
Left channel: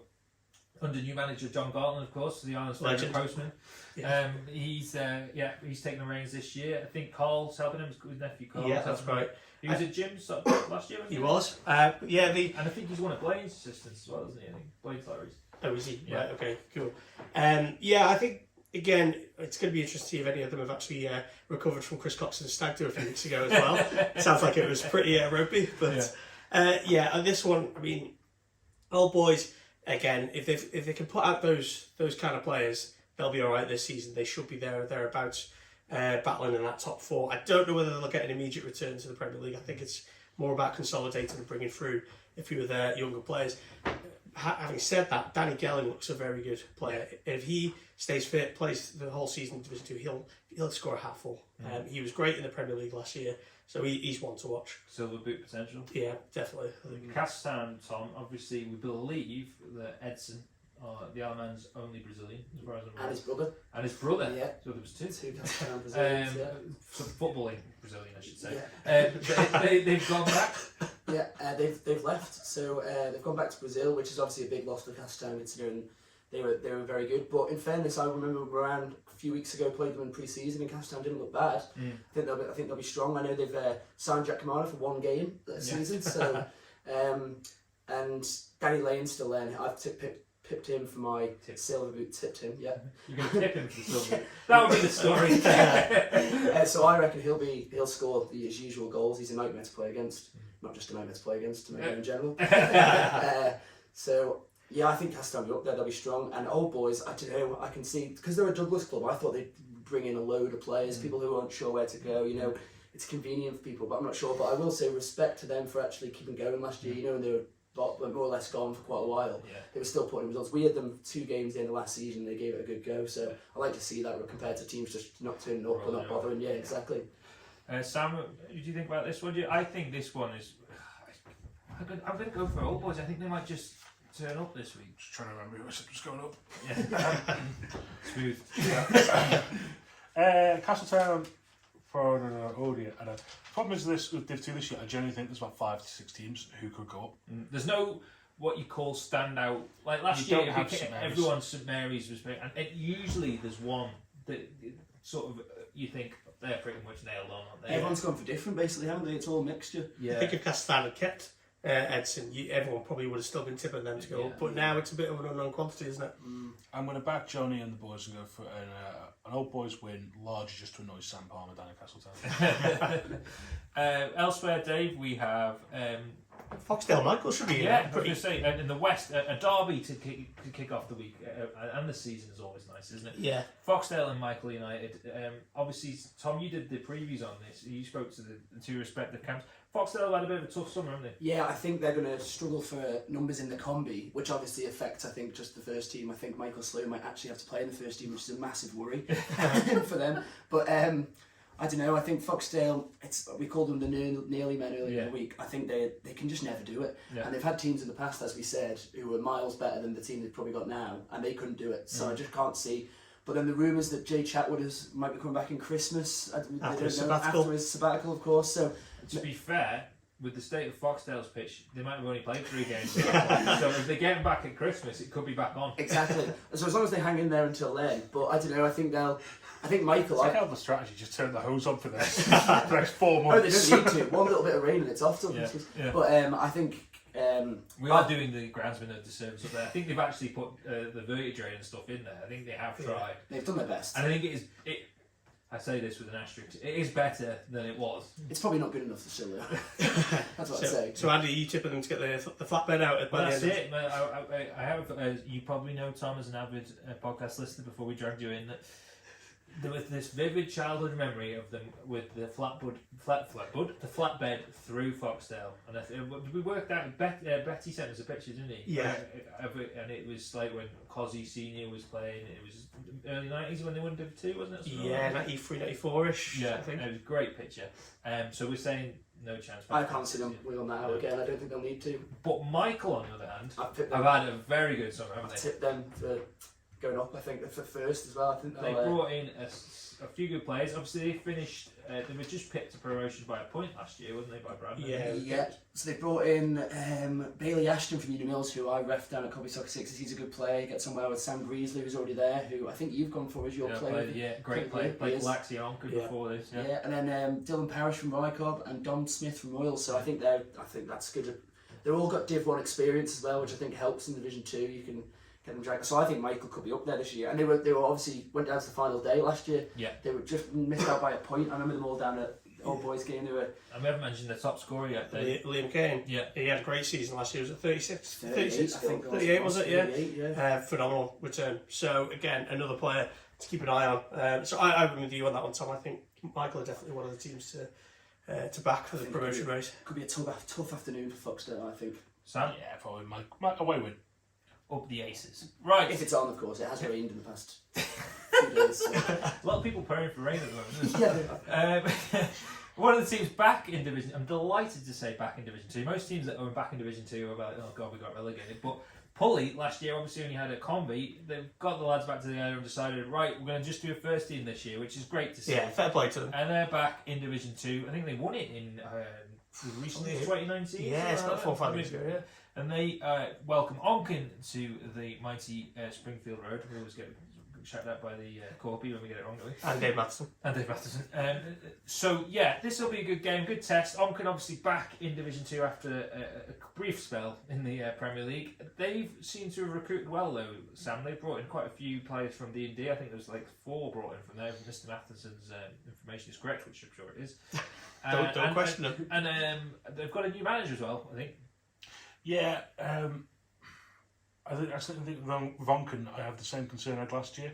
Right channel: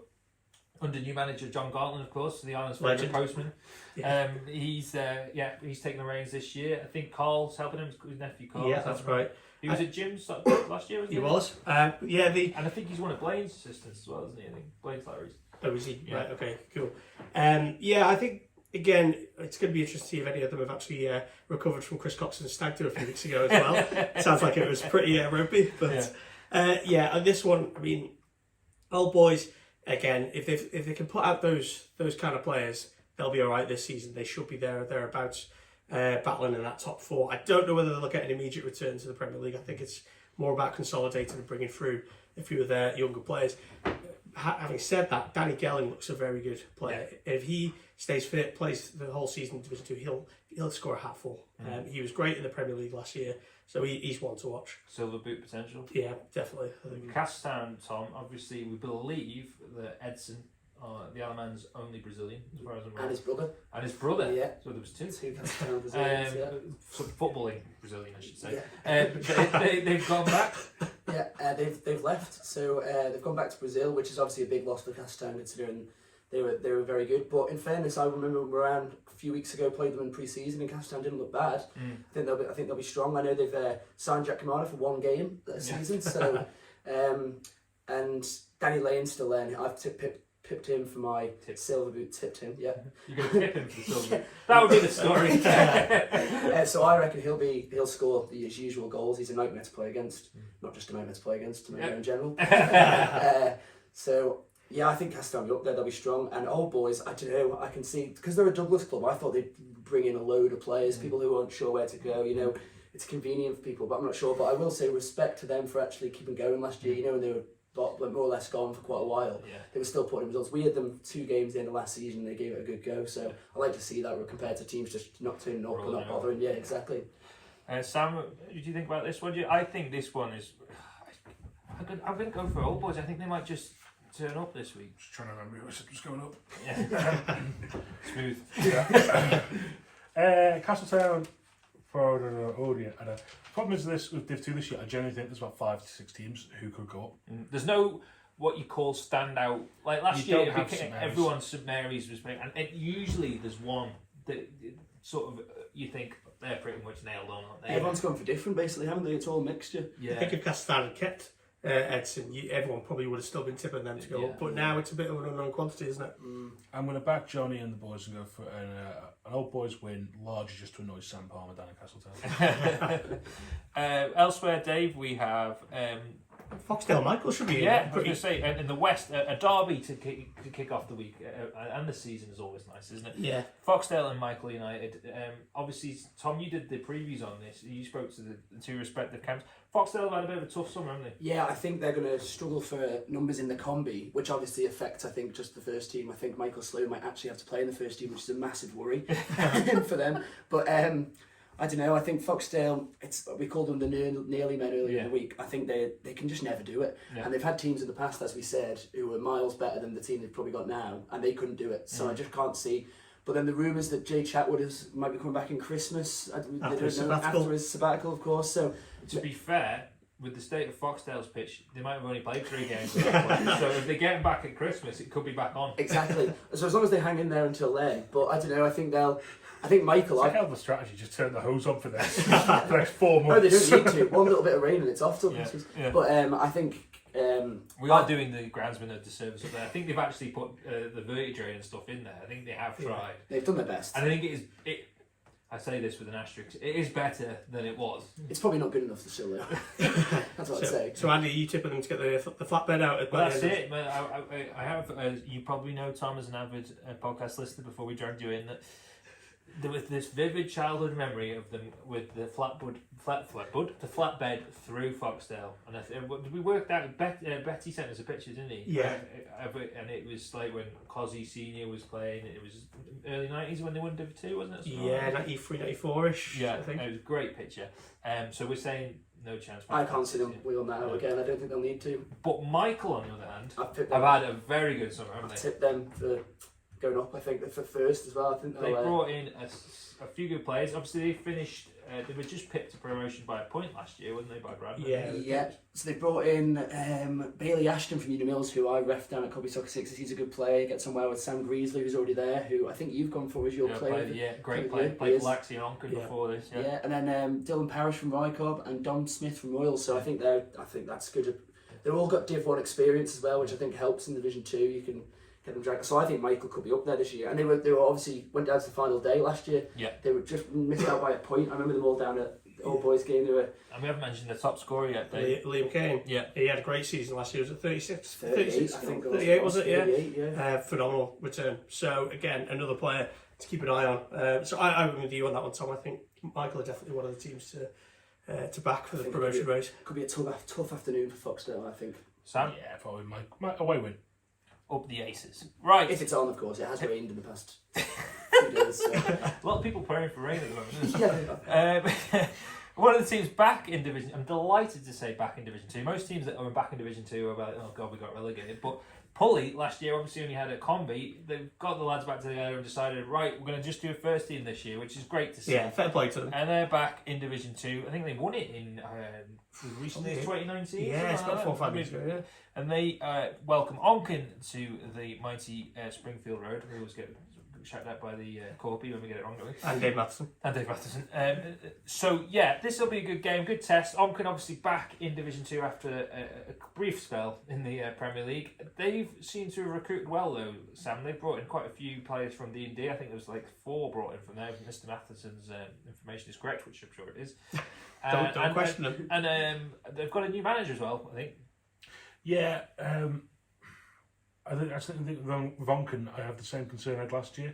under new manager John Gartland, of course, the Island's favourite postman. Yeah. He's taking the reins this year. I think Carl's helping him, his nephew Carl. Yeah, that's right. He was at Jim's last year, wasn't he? He was. And I think he's one of Blaine's assistants as well, isn't he? I think Blaine's Larry's. Oh, is he? Yeah. Right, okay, cool. I think, again, it's going to be interesting to see if any of them have actually recovered from Chris Coxon's stag do a few weeks ago as well. Sounds like it was pretty ropey. But, on this one, I mean, Old Boys... Again, if they can put out those kind of players, they'll be all right this season. They should be thereabouts, battling in that top 4. I don't know whether they'll get an immediate return to the Premier League. I think it's more about consolidating and bringing through a few of their younger players. Having said that, Danny Gelling looks a very good player. If he stays fit, plays the whole season in Division 2, he'll score a hatful. He was great in the Premier League last year. So he's one to watch. Silver boot potential. Yeah, definitely. Castan, Tom, obviously we believe that Edson, the Alaman's only Brazilian, as far as I'm aware. And his brother. Yeah. So there was 2. 2 Castan Brazilians, Some footballing Brazilian, I should say. Yeah. They've gone back. Yeah, they've left. So they've gone back to Brazil, which is obviously a big loss for Castan, considering they were very good. But in fairness, I remember Marown a few weeks ago played them in pre-season, and Castan didn't look bad. I think they'll be strong. I know they've signed Jack Kamara for 1 game that season. So and Danny Lane's still there. I've pipped him for my silver boot. Tipped him, yeah. You're going to tip him for the silver boot. That would be the story. So I reckon he'll score his usual goals. He's a nightmare to play against. Not just a nightmare to play against, in general. So yeah, I think Castle will be up there. They'll be strong. And Old Boys, I don't know. I can see because they're a Douglas club. I thought they'd bring in a load of players, people who aren't sure where to go. You know, it's convenient for people, but I'm not sure. But I will say respect to them for actually keeping going last year. You know, when they were more or less gone for quite a while. Yeah. They were still putting results. We had them 2 games in the last season. They gave it a good go. So I like to see that compared to teams just not turning up or not bothering. Yeah, exactly. Sam, what do you think about this one? I think this one is. I'm going to go for Old Boys. I think they might just turn up this week. Just trying to remember who was going up. Yeah. Smooth. Yeah. Castletown, Forward and Odeon. And the problem is this with Div 2 this year, I generally think there's about 5 to 6 teams who could go up. There's no what you call standout. Like last year, everyone St Mary's was playing, and usually there's one that sort of you think they're pretty much nailed on. Aren't they? Everyone's gone for different, basically, haven't they? It's all a mixture. I think if Castletown had kept Edson, everyone probably would have still been tipping them to go up. But now it's a bit of an unknown quantity, isn't it? I'm going to back Johnny and the boys and go for an Old Boys win, largely just to annoy Sam Palmer down in Castletown. Elsewhere, Dave, we have Foxdale Michael should be I was going to say in the West, a derby to kick off the week and the season is always nice, isn't it? Yeah. Foxdale and Michael United. Obviously, Tom, you did the previews on this. You spoke to the 2 respective camps. Foxdale have had a bit of a tough summer, haven't they? Yeah, I think they're going to struggle for numbers in the combi, which obviously affects, I think, just the first team. I think Michael Sloan might actually have to play in the first team, which is a massive worry for them. But I don't know. I think Foxdale, we called them the nearly men earlier in the week. I think they can just never do it. Yeah. And they've had teams in the past, as we said, who were miles better than the team they've probably got now, and they couldn't do it. So I just can't see. But then the rumours that Jay Chatwood might be coming back in Christmas. After his sabbatical, of course. So to be fair, with the state of Foxdale's pitch, they might have only played 3 games. So if they get him back at Christmas, it could be back on. Exactly. So as long as they hang in there until then. But I don't know. I think Michael. It's like how the strategy just turn the hose on for this for the next 4 months. No, they don't need to. One little bit of rain and it's off till Christmas. Yeah. But I think. We are doing the groundsmen a disservice up there. I think they've actually put the vertidrain and stuff in there. I think they have tried. They've done their best. And I think I say this with an asterisk. It is better than it was. It's probably not good enough for still. That's what I'd say. So Andy, you tipping them to get the flatbed out? That's it. But I have. You probably know Tom as an avid podcast listener before we dragged you in. That there was this vivid childhood memory of them with the flatbed through Foxdale, and we worked out. Betty sent us a picture, didn't he? Yeah. And it was like when Cosy Senior was playing. It was early 90s when they won Div 2, wasn't it? Yeah, 93, 94ish. Yeah, I think. It was a great picture. So we're saying no chance. I can't see them wheel now again. I don't think they'll need to. But Michael, on the other hand, have had a very good summer, haven't they? I've tipped them for going up, I think, for first as well. I think they brought in a few good players. Obviously, they finished. They were just picked to promotion by a point last year, wasn't they, by Bradford? Yeah. So they brought in Bailey Ashton from Uni Mills, who I ref down at Cobby Soccer Sixes. He's a good player. He gets on well with Sam Greasley, who's already there, who I think you've gone for as your player. Great player. Played Laxi and Onken before this. Yeah, and then Dylan Parrish from Rycob and Dom Smith from Royal. So I think that's good. They've all got Div 1 experience as well, which I think helps in Division 2. You can get them dragged. So I think Michael could be up there this year. And they were obviously went down to the final day last year. Yeah. They were just missed out by a point. I remember them all down at the Old Boys game. And we haven't mentioned the top scorer yet, Dave. Liam Kane. Yeah. He had a great season last year. Was it 36? 38, I think. 38 was it? 38, yeah. Phenomenal return. So again, another player to keep an eye on. So I would with you on that one, Tom. I think Michael are definitely one of the teams to back for the promotion race. Could be a tough afternoon for Foxdale, I think. Sam? Yeah, probably my away win. Up the aces. Right. If it's on, of course. It has rained in the past few days. So. A lot of people praying for rain at the moment, isn't it? One of the teams back in Division... I'm delighted to say back in Division 2. Most teams that are back in Division 2 are about, oh God, we got relegated. But Pulley, last year, obviously only had a combi. They've got the lads back together and decided, right, we're going to just do a first team this year, which is great to see. Yeah, fair play to them. And they're back in Division 2. I think they won it in recently, 2019. Yeah, it's about 4 or 5 years ago, yeah. And they welcome Onken to the mighty Springfield Road. We always get shouted out by the Curphey when we get it wrong, don't we? And Dave Matheson. And Dave Matheson. So yeah, this will be a good game, good test. Onken obviously back in Division 2 after a brief spell in the Premier League. They've seemed to have recruited well though, Sam. They've brought in quite a few players from D&D. I think there was like 4 brought in from there. If Mr. Matheson's information is correct, which I'm sure it is. Don't question him. And they've got a new manager as well, I think. Yeah, I think with Vonken, I have the same concern I had last year.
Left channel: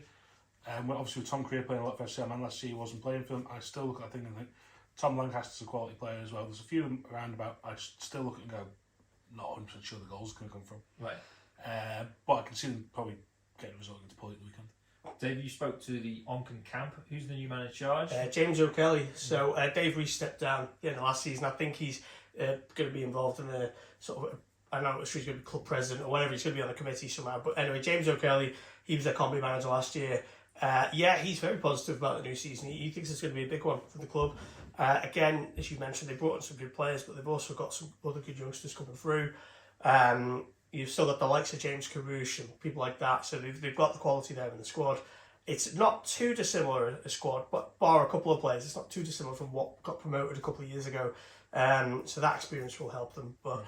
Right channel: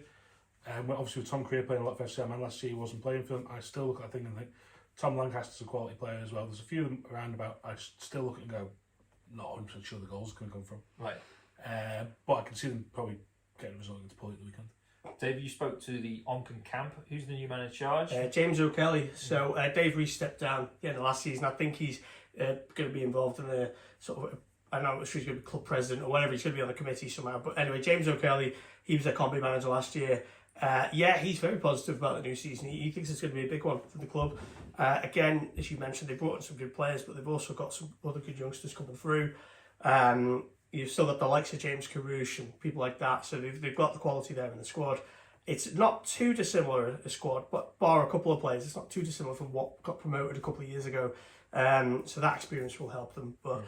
Well, obviously with Tom Creer playing a lot for FCM, and last year he wasn't playing for them, I still look at that thing and think Tom Lancaster's a quality player as well. There's a few of them around about I still look at and go, not 100% sure the goals can come from. Right. But I can see them probably getting a result against Pulley at the weekend. Dave, you spoke to the Onken camp. Who's the new man in charge? James O'Kelly. So Dave Rees stepped down at the end of last season. I think he's going to be involved in the sort of, I'm not sure he's going to be club president or whatever. He's going to be on a committee somehow. But anyway, James O'Kelly, he was a combi manager last year. Yeah, he's very positive about the new season. He thinks it's going to be a big one for the club. Again, as you mentioned, they brought in some good players, but they've also got some other good youngsters coming through. You've still got the likes of James Carouche and people like that. So they've got the quality there in the squad. It's not too dissimilar a squad, but bar a couple of players, it's not too dissimilar from what got promoted a couple of years ago. So that experience will help them. But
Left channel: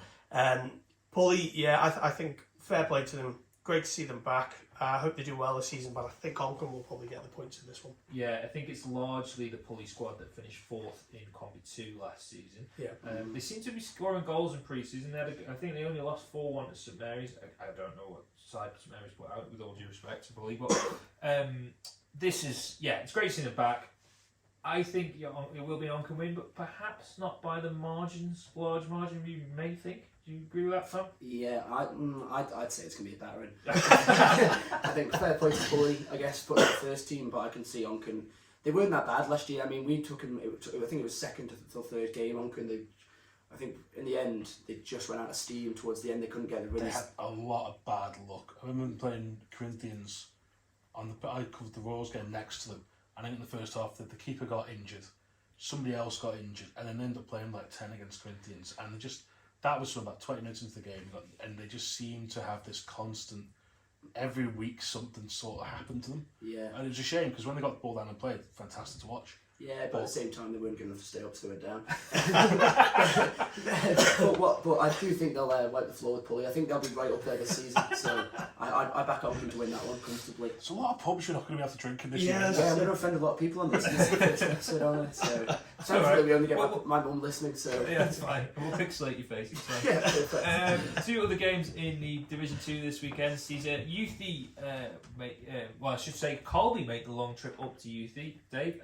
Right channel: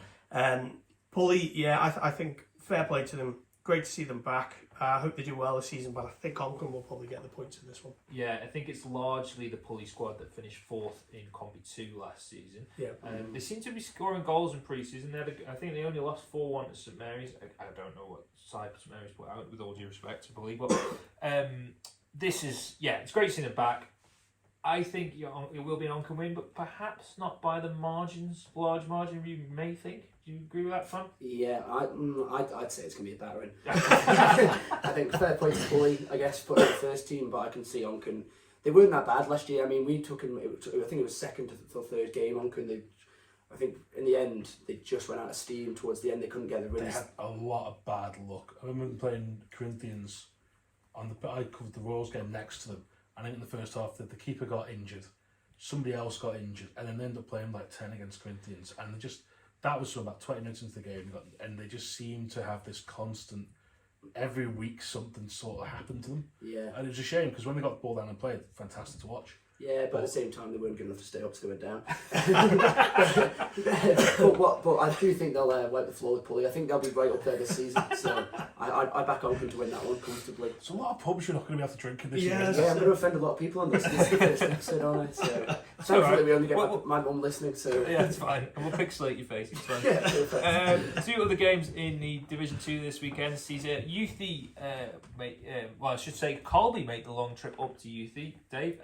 Pulley, yeah, I think fair play to them. Great to see them back. I hope they do well this season, but I think Onken will probably get the points in this one. Yeah, I think it's largely the Pulley squad that finished 4th in Combi 2 last season. Yeah. They seem to be scoring goals in pre-season. I think they only lost 4-1 at St Mary's. I don't know what side St Mary's put out, with all due respect to Pulley, but this is, yeah, it's great to see them back. I think it will be an Onken win, but perhaps not by the large margin you may think. Do you agree with that, Sam? Yeah, I'd say it's going to be a battering. I think fair play to Pulley, I guess, put in the first team, but I can see Onken. They weren't that bad last year. I mean, we took him, I think it was second to the third game. Onken, I think in the end, they just went out of steam towards the end. They couldn't get the wins. They had a lot of bad luck. I remember playing Corinthians I covered the Royals game next to them. I think in the first half the keeper got injured, somebody else got injured, and then they ended up playing like 10 against Corinthians, and that was from about 20 minutes into the game, and they just seemed to have this constant, every week something sort of happened to them. Yeah. And it was a shame, because when they got the ball down and played, fantastic to watch. Yeah, but at the same time, they weren't good enough to stay up to it down. but I do think they'll wipe the floor with Pulley. I think they'll be right up there this season. So I back Onken to win that one comfortably. It's a lot of pubs you're not going to be able to drink in this year. Yeah, I'm going to offend a lot of people on this. This is the first episode, aren't I? So thankfully we only get my mum listening. So yeah, it's fine. We'll pixelate your face. It's fine. Yeah, perfect. 2 other games in the Division 2 this weekend sees Youthy I should say Colby make the long trip up to Youthy. Dave.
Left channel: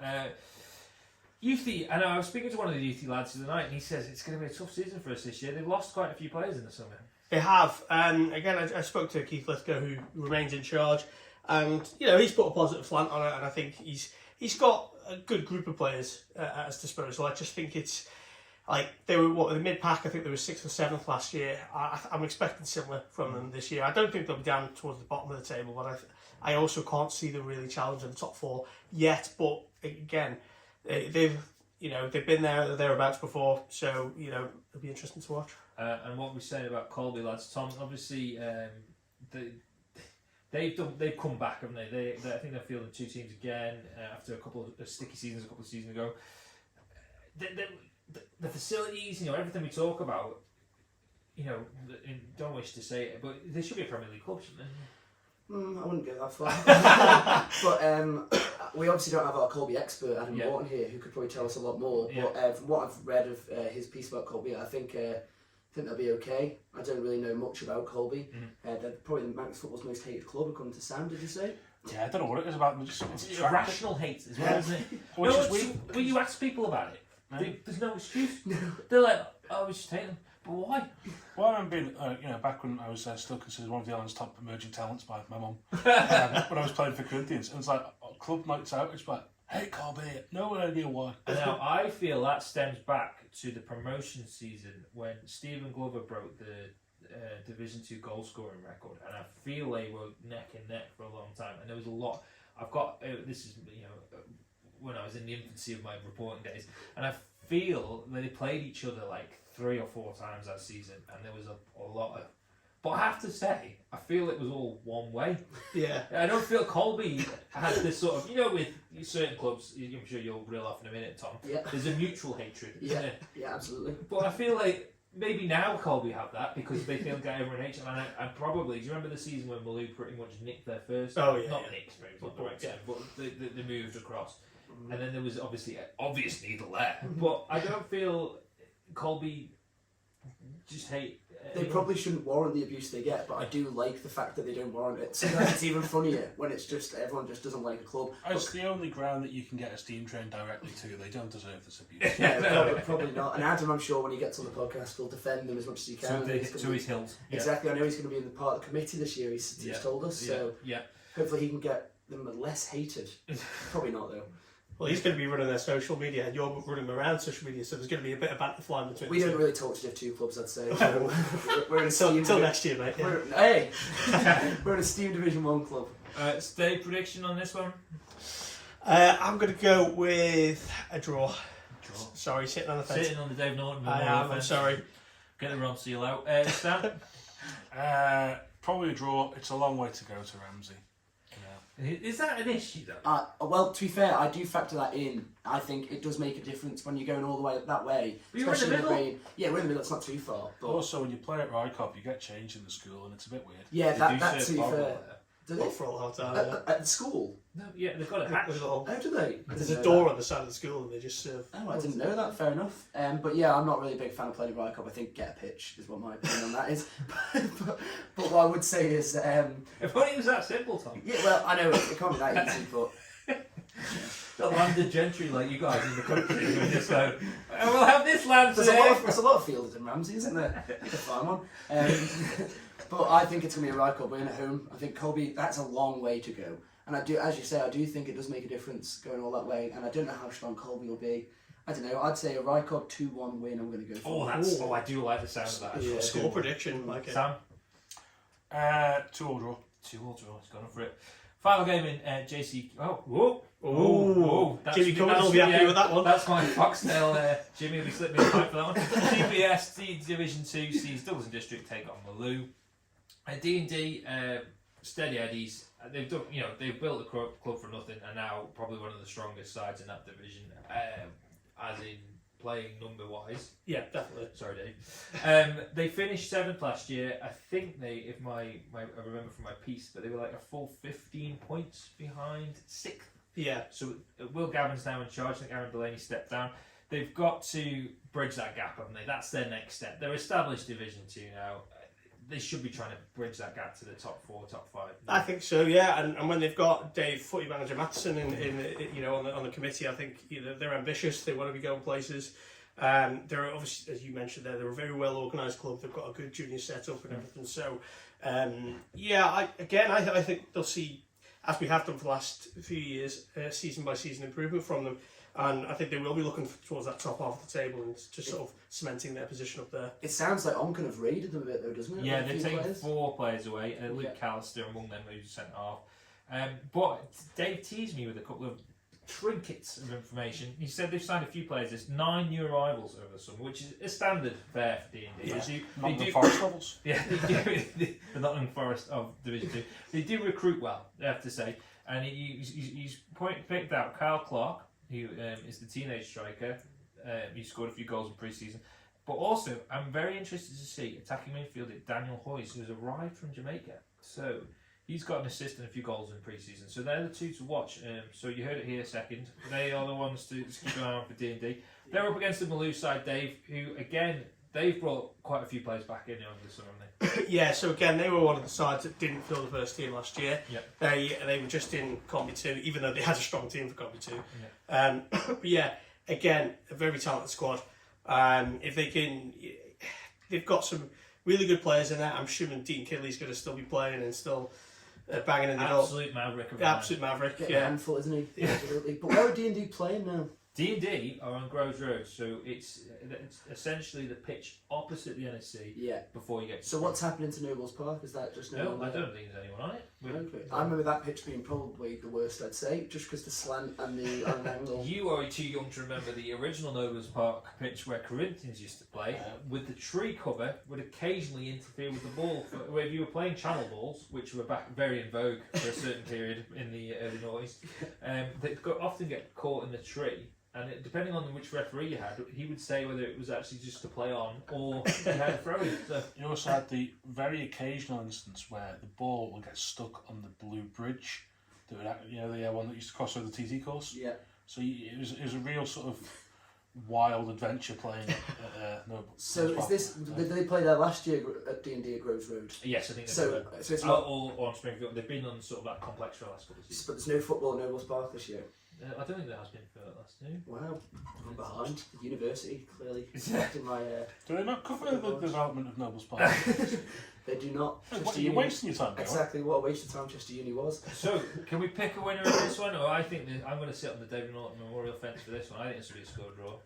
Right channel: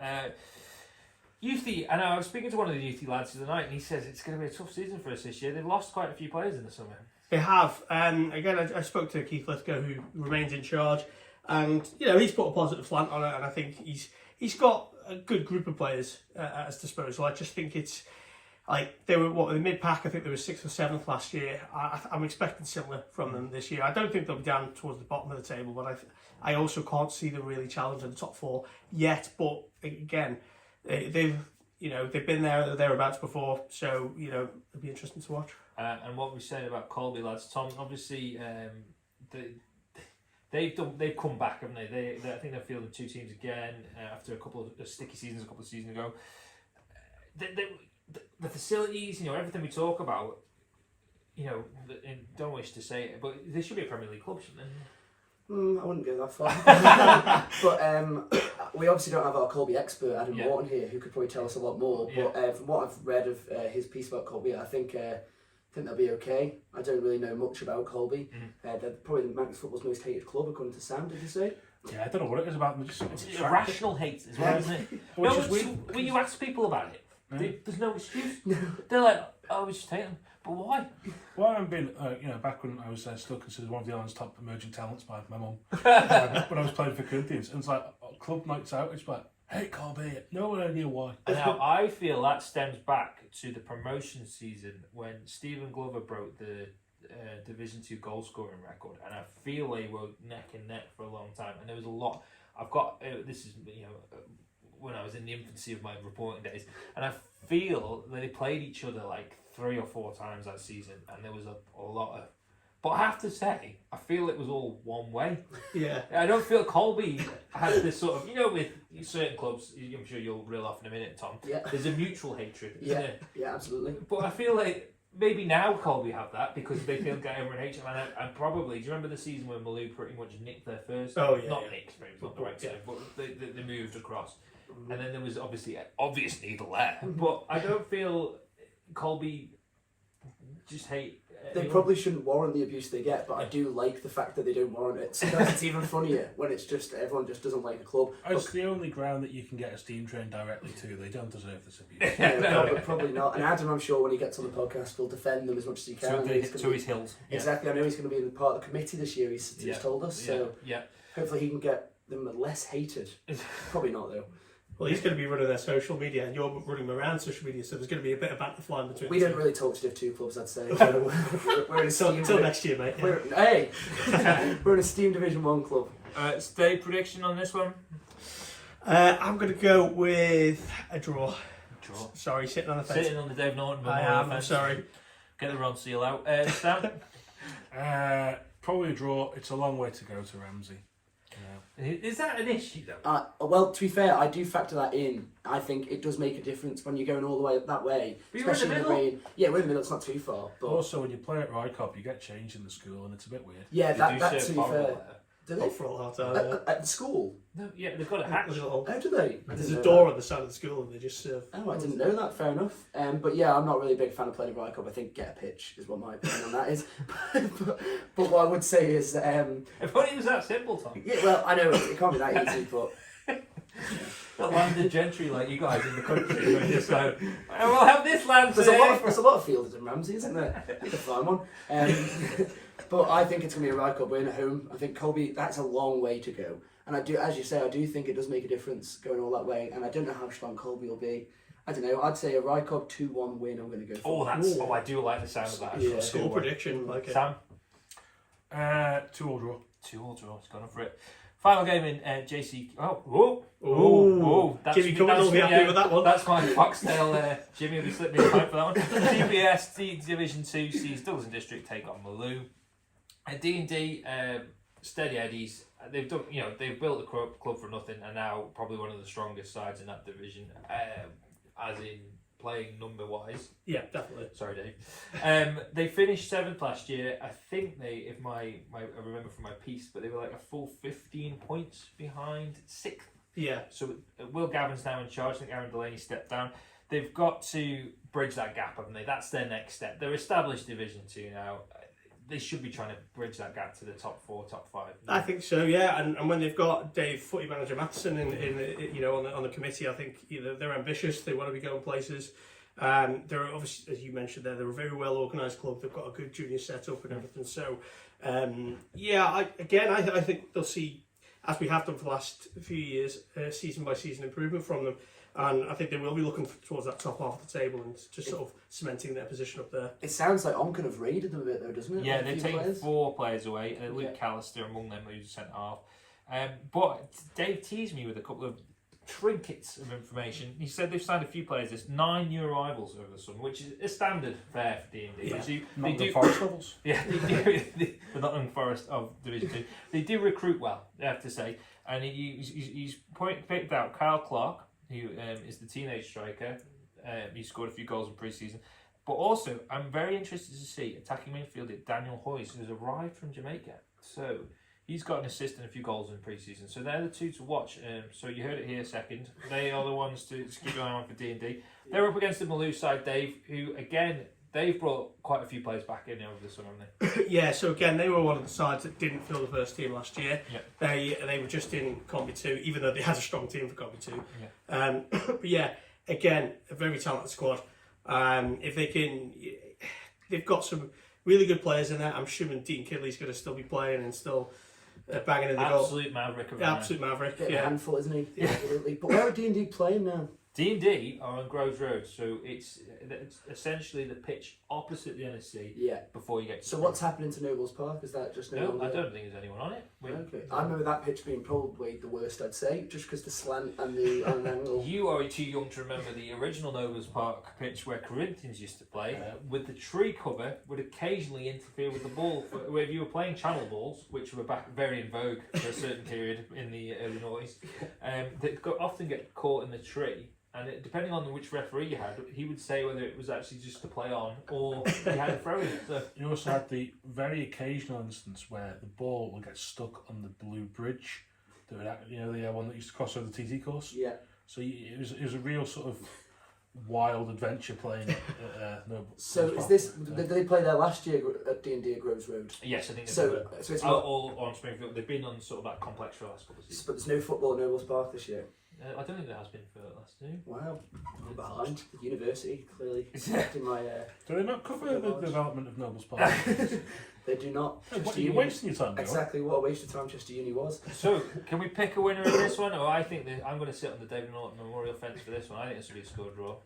Youthy, and I was speaking to one of the Youthy lads the other night, and he says it's going to be a tough season for us this year. They've lost quite a few players in the summer. They have. Again, I spoke to Keith Lithgow, who remains in charge, and he's put a positive slant on it, and I think he's got a good group of players at his disposal. I just think it's like they were in the mid pack. I think they were 6th or 7th last year. I'm expecting similar from them this year. I don't think they'll be down towards the bottom of the table, but I also can't see them really challenging the top 4 yet. But again, they've been there thereabouts before, so it'll be interesting to watch. And what we say about Colby lads, Tom, obviously they've come back, haven't they? I think they're fielding 2 teams again after a couple of sticky seasons a couple of seasons ago. The facilities, everything we talk about, and don't wish to say it, but they should be a Premier League club, shouldn't they? I wouldn't go that far. But we obviously don't have our Colby expert, Adam Morton, here, who could probably tell us a lot more. Yeah. But from what I've read of his piece about Colby, I think they'll be okay. I don't really know much about Colby. They're probably the Manx football's most hated club, according to Sam, did you say? Yeah, I don't know what it is about them. It's irrational hate as well, isn't it? When you ask people about it, there's no excuse. They're like, oh, we just hate them. But why? Well, I've been, back when I was still considered one of the island's top emerging talents by my mum, when I was playing for Corinthians, and it's like, club nights out, it's like, hey, Colby, no idea why. Now, I feel that stems back to the promotion season when Stephen Glover broke the Division 2 goal scoring record, and I feel they were neck and neck for a long time, and there was a lot. I've got, this is, when I was in the infancy of my reporting days, and I feel that they played each other like 3 or 4 times that season, and there was a lot of But I have to say, I feel it was all one way. Yeah. I don't feel Colby has this sort of, with certain clubs, I'm sure you'll reel off in a minute, Tom, Yeah. there's a mutual hatred, isn't Yeah, there? yeah, absolutely. But I feel like maybe now Colby have that because they feel get everyone hates them. And probably, do you remember the season when Malou pretty much nicked their first? Oh, yeah. Not nicked, maybe it's not the right term, but they moved across. And then there was obviously an obvious needle there. But I don't feel Colby just hate. They probably shouldn't warrant the abuse they get, but I do like the fact that they don't warrant it. Sometimes it's even funnier when it's just everyone just doesn't like a club. It's the only ground that you can get a steam train directly to. They don't deserve this abuse. Probably not. And Adam, I'm sure when he gets on the podcast, will defend them as much as he can. To his hilt. Exactly. I know he's going to be in the part of the committee this year. He's told us. So hopefully he can get them less hated. Probably not though. Well, he's going to be running their social media, and you're running Marown social media, so there's going to be a bit of banter flying between. We don't really talk to Div 2 clubs, I'd say. We're in a steam until next year, mate. Yeah. We're in a steam Division 1 club. Stay prediction on this one. I'm going to go with a draw. Sorry, sitting on the fence. Sitting on the Dave Norton. I'm sorry. Get the Ron seal out. Stan? Probably a draw. It's a long way to go to Ramsey. Is that an issue though? Well, to be fair, I do factor that in. I think it does make a difference when you're going all the way that way, especially in the rain. Yeah, we're in the middle. It's not too far. But also, when you play at Rycop, you get changed in the school, and it's a bit weird. Yeah, that's to be fair. Do they? For all hot time, at the school? No, yeah, they've got a hatch. How do they? There's a door on the side of the school, and they just serve. Oh, I didn't know that. Fair enough. But yeah, I'm not really a big fan of playing at Rycop. I think get a pitch is what my opinion on that is. but what I would say is, if only it was that simple, Tom. Yeah, well, I know it can't be that easy, but. The landed gentry like you guys in the country who just go, we'll have this land there's a lot of fielders in Ramsey, isn't there? It's a fine one. But I think it's going to be a Rycop win at home. I think Colby, that's a long way to go. And I do, as you say, I do think it does make a difference going all that way. And I don't know how strong Colby will be. I don't know, I'd say a Rycop 2-1 win I'm going to go for. I do like the sound of that. Yeah. Score prediction, like it. Sam? 2-all draw. 2-all draw, he's gone for it. Final game in JC. Jimmy Cummins will be happy with that one. That's my Foxtail. Jimmy will be slipping me a pipe for that one. DPS Division 2 sees Douglas and District take on Malou. D&D Steady Eddies. They've done, they've built a club for nothing, and now probably one of the strongest sides in that division, as in playing number wise. Yeah, definitely. Sorry, Dave. They finished 7th last year. I think if I remember from my piece, but they were like a full 15 points behind 6th. Yeah. So Will Gavin's now in charge. I think Aaron Delaney stepped down. They've got to bridge that gap, haven't they? That's their next step. They're established Division 2 now. They should be trying to bridge that gap to the top 4, top 5. I think so, yeah. And when they've got Dave, footy manager Matheson, on the committee, I think they're ambitious. They want to be going places. They're obviously, as you mentioned there, they're a very well organised club. They've got a good junior setup and everything. So, I think they'll see, as we have done for the last few years, season by season improvement from them. And I think they will be looking towards that top half of the table and just sort of cementing their position up there. It sounds like Onken have raided them a bit though, doesn't it? Yeah, they've taken 4 players away. Luke Callister among them, who's sent half. But Dave teased me with a couple of trinkets of information. He said they've signed a few players. There's 9 new arrivals over the summer, which is a standard fare for D&D. Nottingham Forest levels. Yeah, the Nottingham Forest of Division 2. They do recruit well, they have to say. And he's picked out Kyle Clark, who is the teenage striker. He scored a few goals in pre-season. But also, I'm very interested to see attacking midfielder Daniel Hoyes, who's arrived from Jamaica. So he's got an assist and a few goals in pre-season. So they're the 2 to watch. So you heard it here second. They are the ones to keep an eye on for D&D. They're up against the Malou side, Dave, who, again, they've brought quite a few players back in over the summer, haven't they? Yeah, so again, they were one of the sides that didn't fill the first team last year. Yep. They were just in Combi 2, even though they had a strong team for Combi 2. Yep. But yeah, again, a very talented squad. If they can, they've got some really good players in there. I'm assuming Dean Kidley's going to still be playing and still banging in the goal. Absolute maverick. Absolute maverick. A handful, isn't he? Yeah. Absolutely. But where are D&D playing now? D&D are on Groves Road, so it's essentially the pitch opposite the NSC. Yeah. Before you get. So what's happening to Nobles Park? Is that just No, I don't think there's anyone on it. Okay. I remember that pitch being probably the worst, I'd say, just because the slant and the angle. You are too young to remember the original Nobles Park pitch where Corinthians used to play, with the tree cover would occasionally interfere with the ball. Where if you were playing channel balls, which were back very in vogue for a certain period in the early noughties, they often get caught in the tree. And depending on which referee you had, he would say whether it was actually just to play on or you had a throw-in. So. You also had the very occasional instance where the ball would get stuck on the blue bridge. The one that used to cross over the TT course. Yeah. So it was a real sort of wild adventure playing at So is this? Did they play there last year at D&D at Groves Road? Yes, I think so. So it's not all on Springfield. They've been on sort of that complex for the last couple of seasons. But there's no football at Nobles Park this year. I don't think there has been for the last two. Wow, I'm behind. The university clearly in my. Do they not cover the development of Nobles Park? They do not. You're wasting your time. Exactly what a waste of time Chester Uni was. So, can we pick a winner in this one? Or I think I'm going to sit on the Dave Norton Memorial fence for this one. I think this will be a score draw.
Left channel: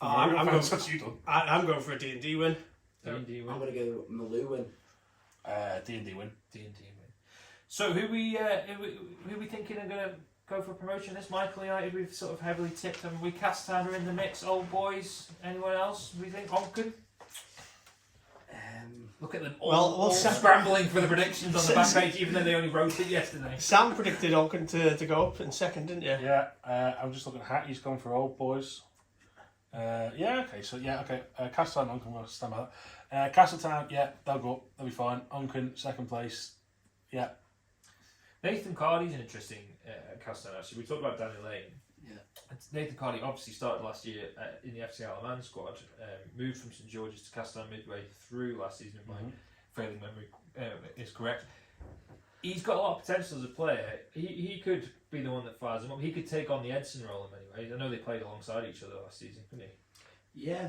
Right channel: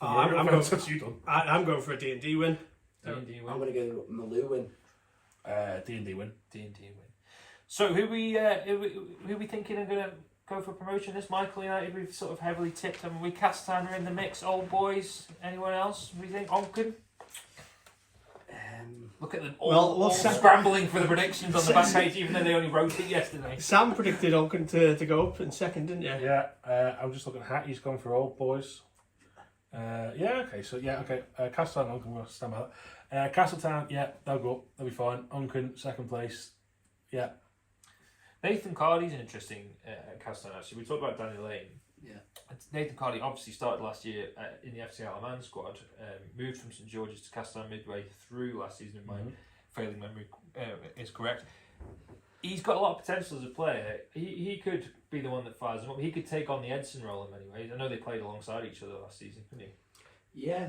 I'm going for a D&D win. D&D win. I'm going to go Maloo win. D&D win. D&D win. So who we thinking are going to go for promotion? This Michael United, we've sort of heavily tipped them. We Castan are in the mix. Old Boys. Anyone else? We think Onken. Look at them all scrambling for the predictions on the back page, even though they only wrote it yesterday. Sam predicted Onken to go up in second, didn't you? Yeah. I'm just looking at Hattie's gone for Old Boys. Castletown, Onken, we'll stem out. Castletown, they'll go up, they'll be fine. Onken, second place, Nathan Cardy's an interesting Castletown actually. We talked about Danny Lane. Yeah. Nathan Cardy obviously started last year in the FC Alaman squad, moved from St George's to Castletown midway through last season, if my failing memory is correct. He's got a lot of potential as a player. He could be the one that fires him up. He could take on the Edson role in many ways. I know they played alongside each other last season, couldn't he? Yeah,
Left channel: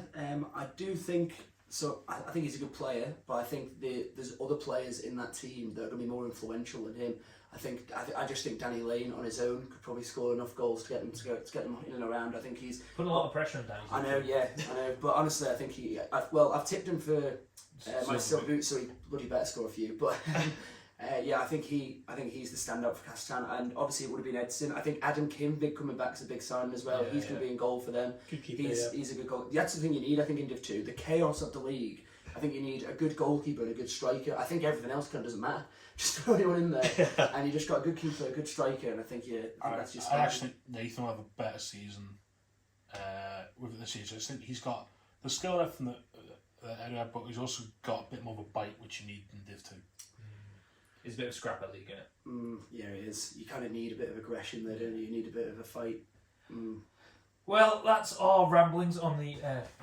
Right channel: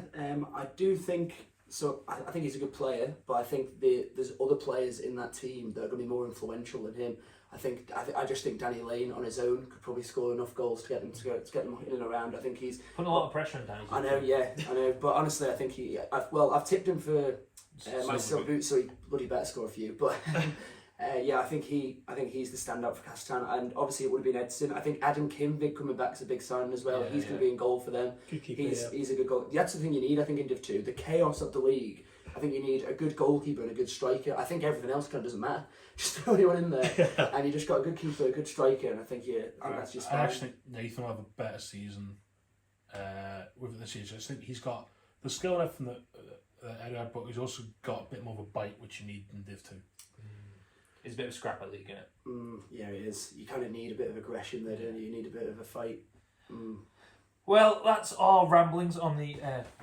I do think so. I think he's a good player, but I think there's other players in that team that are going to be more influential than him. I just think Danny Lane on his own could probably score enough goals to get them in and around. I think he's putting a lot of pressure on Danny. I know. But honestly, I think I've tipped him for my silver boot, so he bloody better score a few. But I think he's the standout for Castletown, and obviously it would have been Edson. I think Adam Kim coming back is a big sign as well. He's going to be in goal for them. He's a good goal. That's the thing you need, I think, in Div 2. The chaos of the league. I think you need a good goalkeeper and a good striker. I think everything else kind of doesn't matter. Just throw anyone in there, and you just got a good keeper, a good striker, and I think that's just fine. I actually think Nathan will have a better season with the season. I think he's got the skill left from the area, but he's also got a bit more of a bite, which you need in Div 2. It's a bit of a scrapper league, isn't it? Yeah, it is. You kind of need a bit of aggression there, don't you? You need a bit of a fight. Well, that's our ramblings on the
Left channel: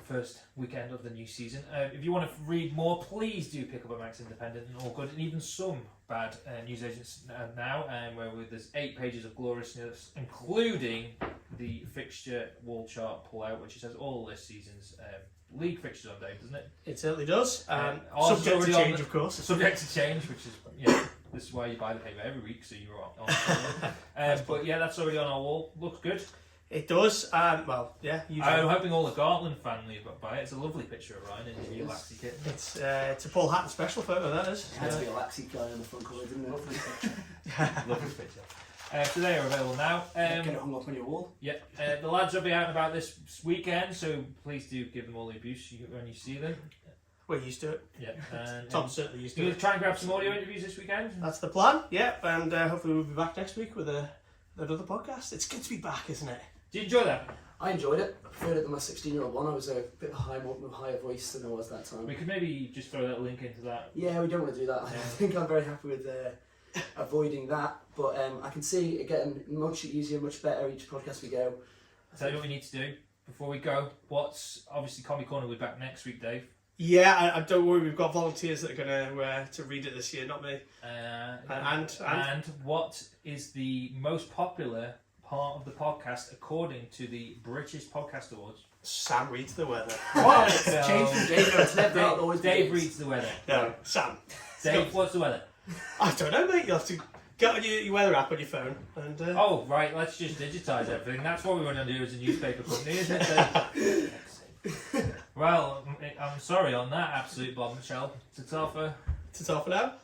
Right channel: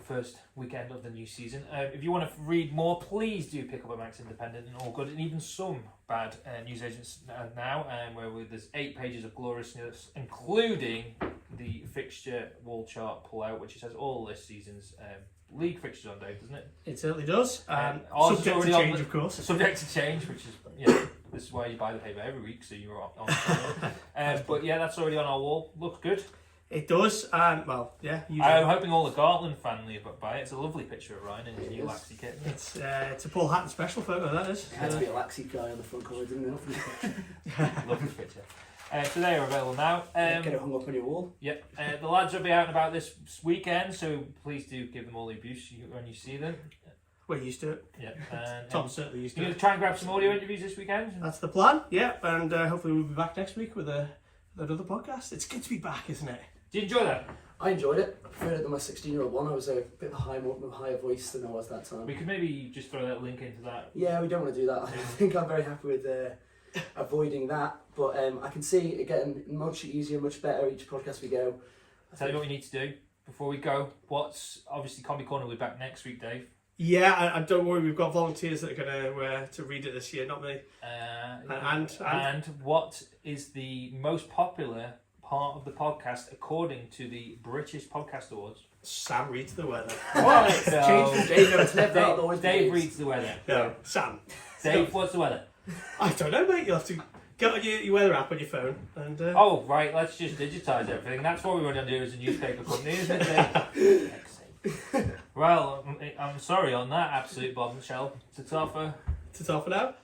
first weekend of the new season. If you want to read more, please do pick up a Manx Independent and All Good, and even some bad newsagents now, where there's 8 pages of glorious news, including the fixture wall chart pull-out, which has all this season's league fixtures on, Dave, doesn't it? It certainly does. Subject to change, of course. Subject to change, which is, this is why you buy the paper every week, so you're on. But that's already on our wall. Looks good. It does. I'm hoping all the Gartland family buy it. It's a lovely picture of Ryan in his new Laxey kit. It's a Paul Hatton special photo, that is. It had to be a Laxey guy on the front cover, didn't it? Lovely picture. Lovely picture. So they are available now. Get it hung up on your wall. Yep. The lads will be out and about this weekend, so please do give them all the abuse when you see them. We're used to it. Yeah. Tom's certainly used to it. You're going to try and grab some audio interviews this weekend? That's the plan, yeah. And hopefully we'll be back next week with another podcast. It's good to be back, isn't it? Did you enjoy that? I enjoyed it. I preferred it than my 16-year-old one. I was a bit of a higher voice than I was that time. We could maybe just throw that link into that. Yeah, we don't want to do that. I think I'm very happy with avoiding that. But I can see it getting much easier, much better each podcast we go. Tell you what we need to do before we go. Obviously Comedy Corner will be back next week, Dave. Yeah, I don't worry. We've got volunteers that are going to read it this year, not me. And what is the most popular part of the podcast according to the British Podcast Awards? Sam reads the weather. What? Change from Dave. No, it's never always Dave reads the weather. No, Sam. Dave, what's the weather? I don't know, mate. You'll have to Get your weather app on your phone and. Oh right, let's just digitise everything. That's what we want to do as a newspaper company, isn't it? Well, I'm sorry on that absolute bombshell. To top it out.